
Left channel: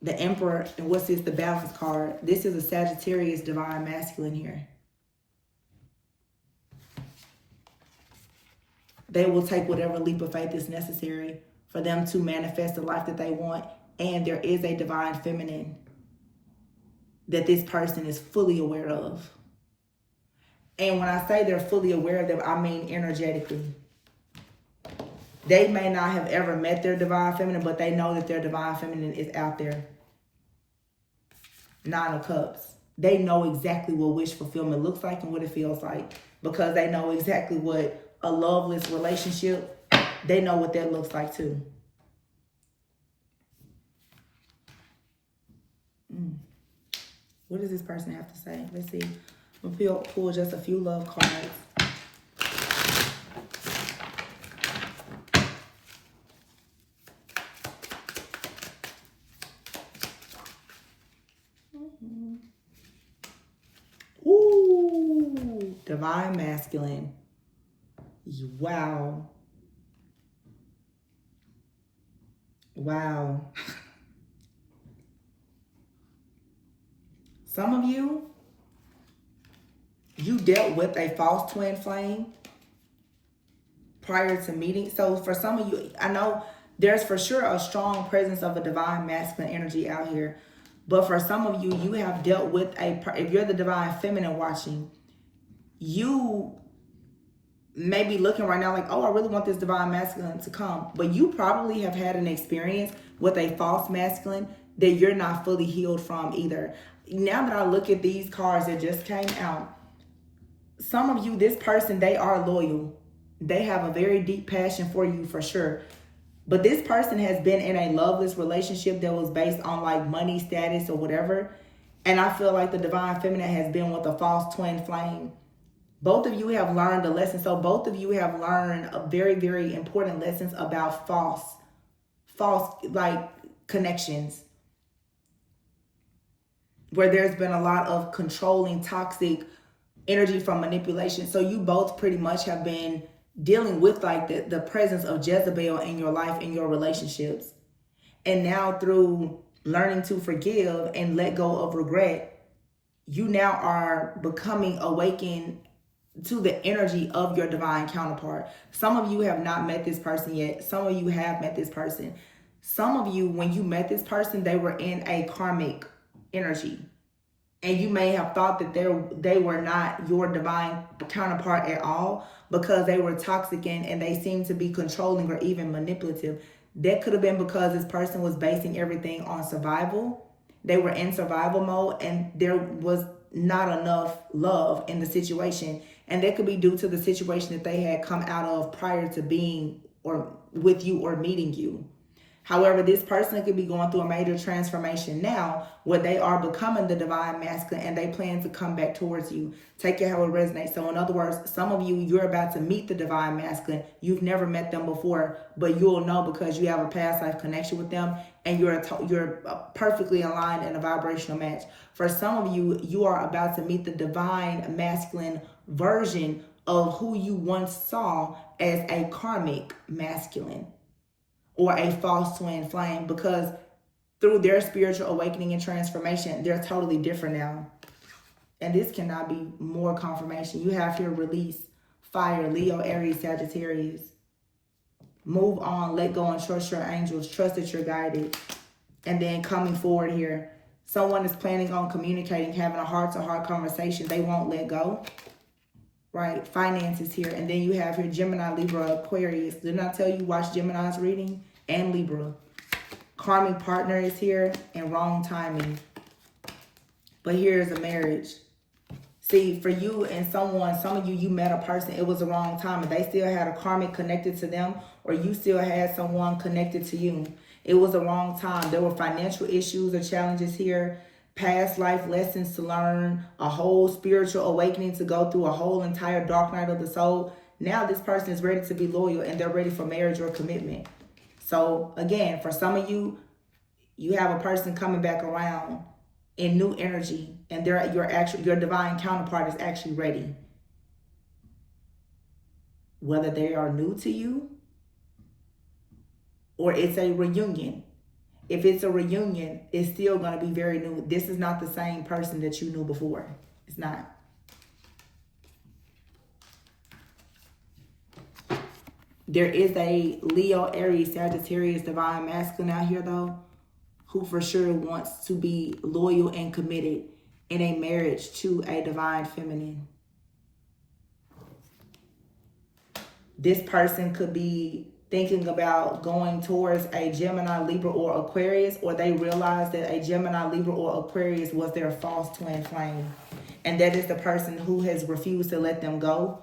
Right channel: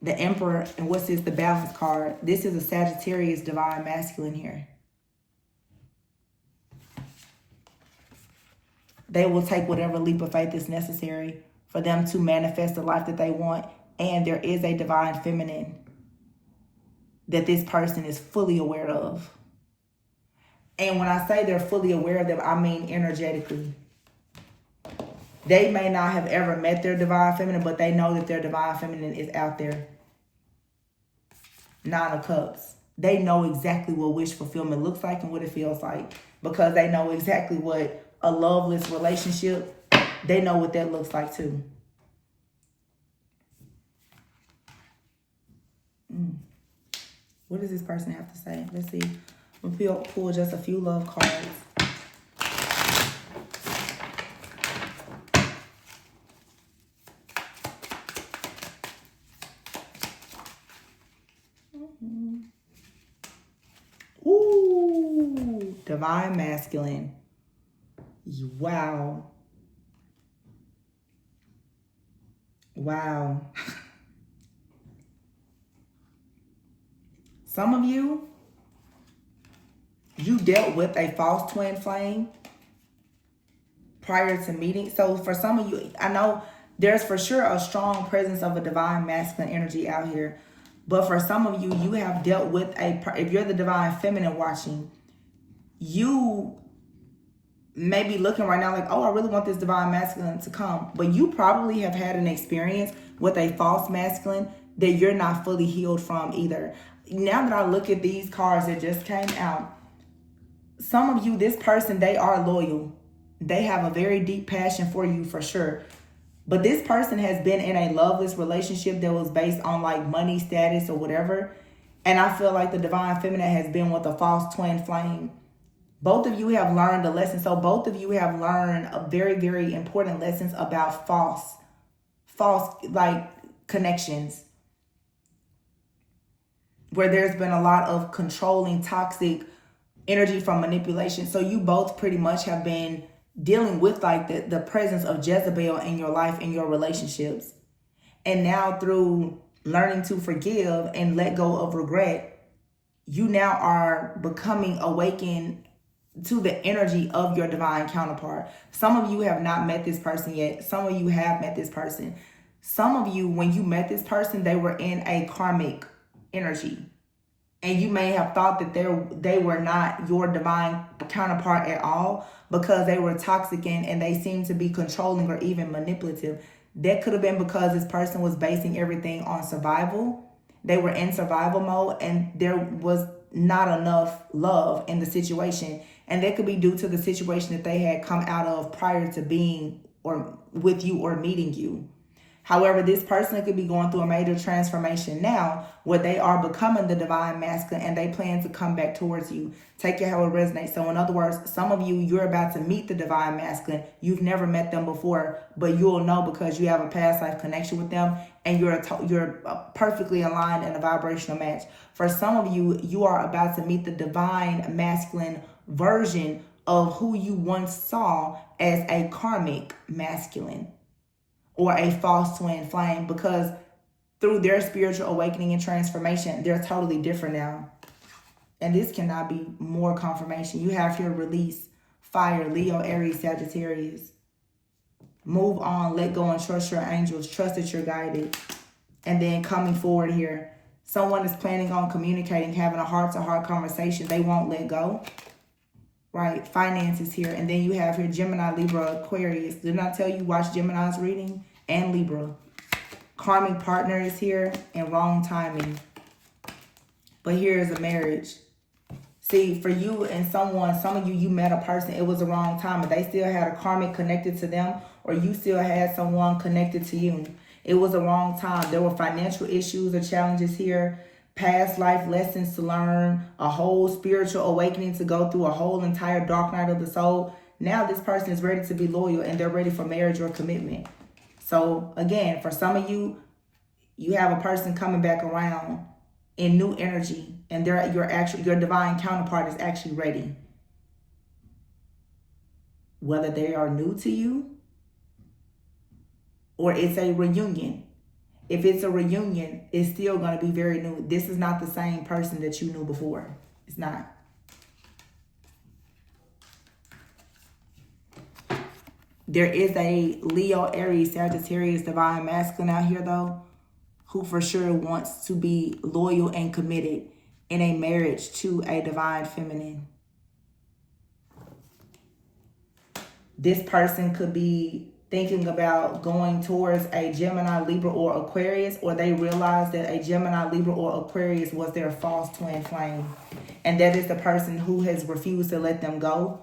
The Emperor, and what's this? The Balance card. This is a Sagittarius Divine Masculine here. They will take whatever leap of faith is necessary for them to manifest the life that they want. And there is a Divine Feminine that this person is fully aware of. And when I say they're fully aware of them, I mean energetically. They may not have ever met their Divine Feminine, but they know that their Divine Feminine is out there. Nine of Cups. They know exactly what wish fulfillment looks like and what it feels like, because they know exactly what a loveless relationship, they know what that looks like too. What does this person have to say? Let's see. We'll pull just a few love cards. Ooh, Divine Masculine. Wow. Wow. Some of you dealt with a false twin flame prior to meeting. So for some of you, I know there's for sure a strong presence of a divine masculine energy out here. But for some of you, you have dealt with if you're the divine feminine watching, you may be looking right now like, oh, I really want this divine masculine to come. But you probably have had an experience with a false masculine that you're not fully healed from either. Now that I look at these cards that just came out, some of you, this person, they are loyal. They have a very deep passion for you for sure. But this person has been in a loveless relationship that was based on like money, status, or whatever. And I feel like the divine feminine has been with a false twin flame. Both of you have learned a lesson. So both of you have learned a very, very important lessons about false like connections, where there's been a lot of controlling, toxic energy from manipulation. So you both pretty much have been dealing with like the presence of Jezebel in your life, in your relationships. And now through learning to forgive and let go of regret, you now are becoming awakened to the energy of your divine counterpart. Some of you have not met this person yet. Some of you have met this person. Some of you, when you met this person, they were in a karmic energy. And you may have thought that they were not your divine counterpart at all because they were toxic and they seemed to be controlling or even manipulative. That could have been because this person was basing everything on survival. They were in survival mode and there was not enough love in the situation. And that could be due to the situation that they had come out of prior to being or with you or meeting you. However, this person could be going through a major transformation now where they are becoming the divine masculine and they plan to come back towards you. Take it how it resonates. So in other words, some of you, you're about to meet the divine masculine. You've never met them before, but you'll know because you have a past life connection with them and you're perfectly aligned in a vibrational match. For some of you, you are about to meet the divine masculine version of who you once saw as a karmic masculine or a false twin flame, because through their spiritual awakening and transformation, they're totally different now. And this cannot be more confirmation. You have here release, fire, Leo, Aries, Sagittarius. Move on, let go and trust your angels. Trust that you're guided. And then coming forward here, someone is planning on communicating, having a heart-to-heart conversation. They won't let go. Right, finances here. And then you have here Gemini, Libra, Aquarius. Didn't I tell you watch Gemini's reading? And Libra. Karmic partner is here and wrong timing. But here is a marriage. See, for you and someone, some of you, you met a person, it was the wrong time. But they still had a karmic connected to them, or you still had someone connected to you. It was the wrong time. There were financial issues or challenges here. Past life lessons to learn, a whole spiritual awakening to go through, a whole entire dark night of the soul. Now this person is ready to be loyal and they're ready for marriage or commitment. So again, for some of you, you have a person coming back around in new energy and your divine counterpart is actually ready. Whether they are new to you or it's a reunion. If it's a reunion, it's still going to be very new. This is not the same person that you knew before. It's not. There is a Leo, Aries, Sagittarius, divine masculine out here, though, who for sure wants to be loyal and committed in a marriage to a divine feminine. This person could be thinking about going towards a Gemini, Libra, or Aquarius, or they realize that a Gemini, Libra, or Aquarius was their false twin flame. And that is the person who has refused to let them go.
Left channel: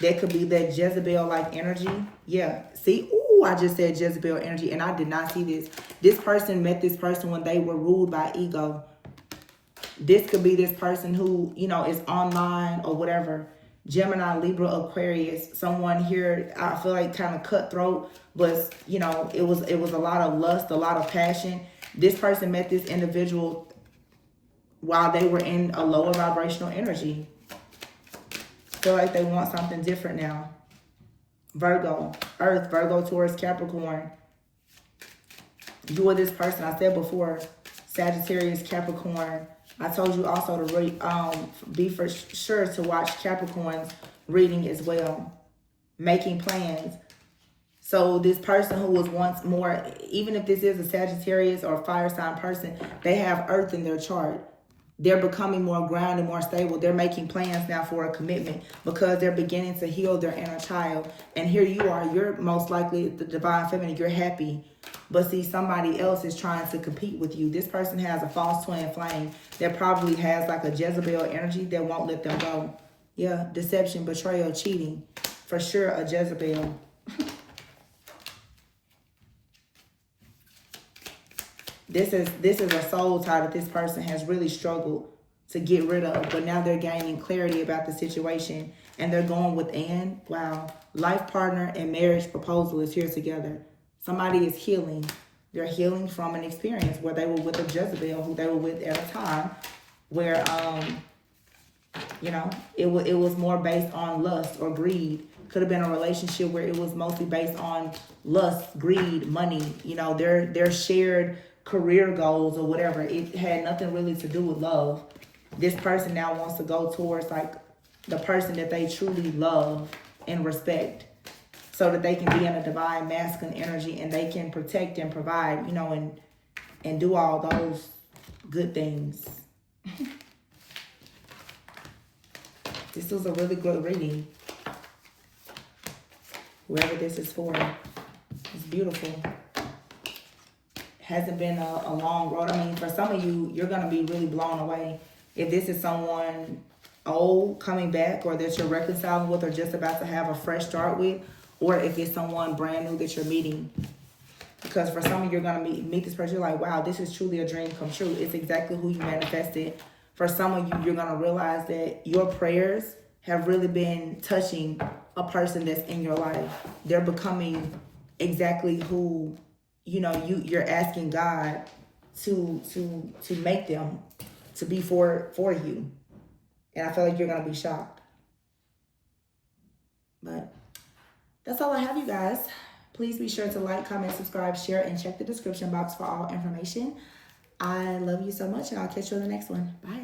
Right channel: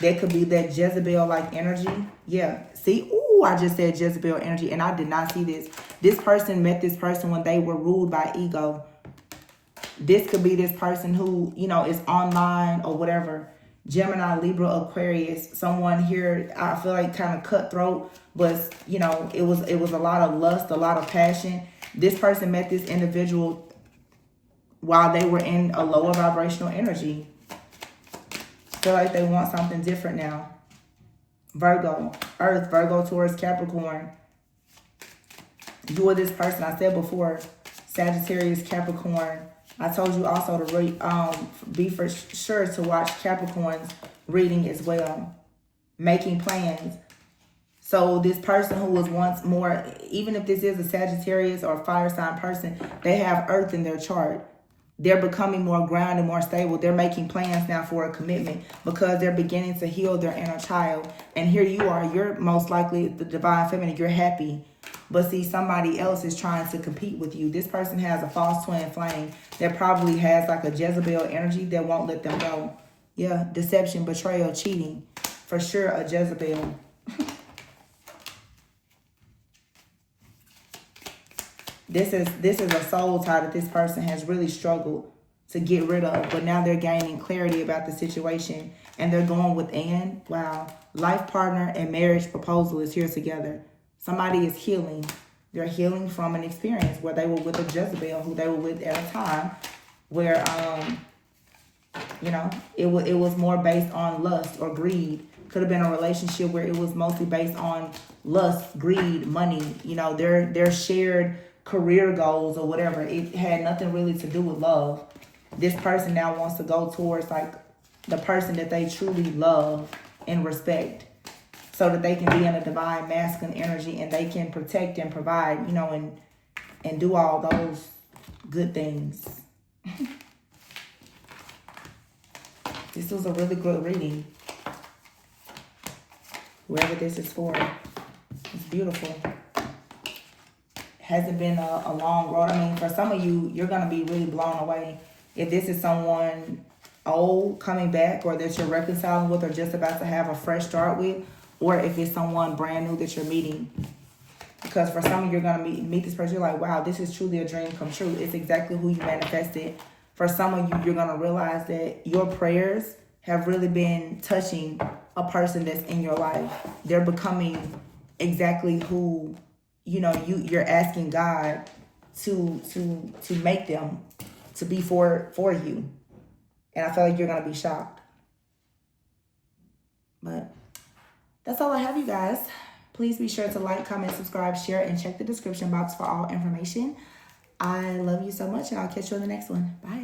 That could be that Jezebel-like energy. Yeah. See, ooh, I just said Jezebel energy, and I did not see this. This person met this person when they were ruled by ego. This could be this person who, is online or whatever. Gemini, Libra, Aquarius, someone here, I feel like kind of cutthroat, but it was a lot of lust, a lot of passion. This person met this individual while they were in a lower vibrational energy. Feel like they want something different now. Virgo, Earth, Virgo, Taurus, Capricorn. You or this person, I said before, Sagittarius, Capricorn. I told you also to be for sure to watch Capricorn's reading as well. Making plans. So this person who was once more, even if this is a Sagittarius or a fire sign person, they have Earth in their chart. they're becoming more grounded, more stable. They're making plans now for a commitment because they're beginning to heal their inner child. And here you are, you're most likely the divine feminine, you're happy. But see, somebody else is trying to compete with you. This person has a false twin flame that probably has like a Jezebel energy that won't let them go. Yeah, deception, betrayal, cheating. For sure, a Jezebel. This is a soul tie that this person has really struggled to get rid of, but now they're gaining clarity about the situation and they're going within. Wow. Life partner and marriage proposal is here together. Somebody is healing. They're healing from an experience where they were with a Jezebel who they were with at a time where, you know, it was more based on lust or greed. Could have been a relationship where it was mostly based on lust, greed, money, you know, their shared career goals or whatever. It had nothing really to do with love. This person now wants to go towards like the person that they truly love and respect, so that they can be in a divine masculine energy and they can protect and provide, you know, and do all those good things. This was a really good reading. Whoever this is for, it's beautiful. Hasn't been a long road. I mean, for some of you, you're going to be really blown away. If this is someone old coming back, or that you're reconciling with, or just about to have a fresh start with, or if it's someone brand new that you're meeting. Because for some of you, you're going to meet this person, you're like, wow, this is truly a dream come true. It's exactly who you manifested. For some of you, you're going to realize that your prayers have really been touching a person that's in your life. They're becoming exactly who, you know, you're asking God to make them to be for you. And I feel like you're going to be shocked. But that's all I have, you guys. Please be sure to like, comment, subscribe, share, and check the description box for all information. I love you so much, and I'll catch you in the next one. Bye.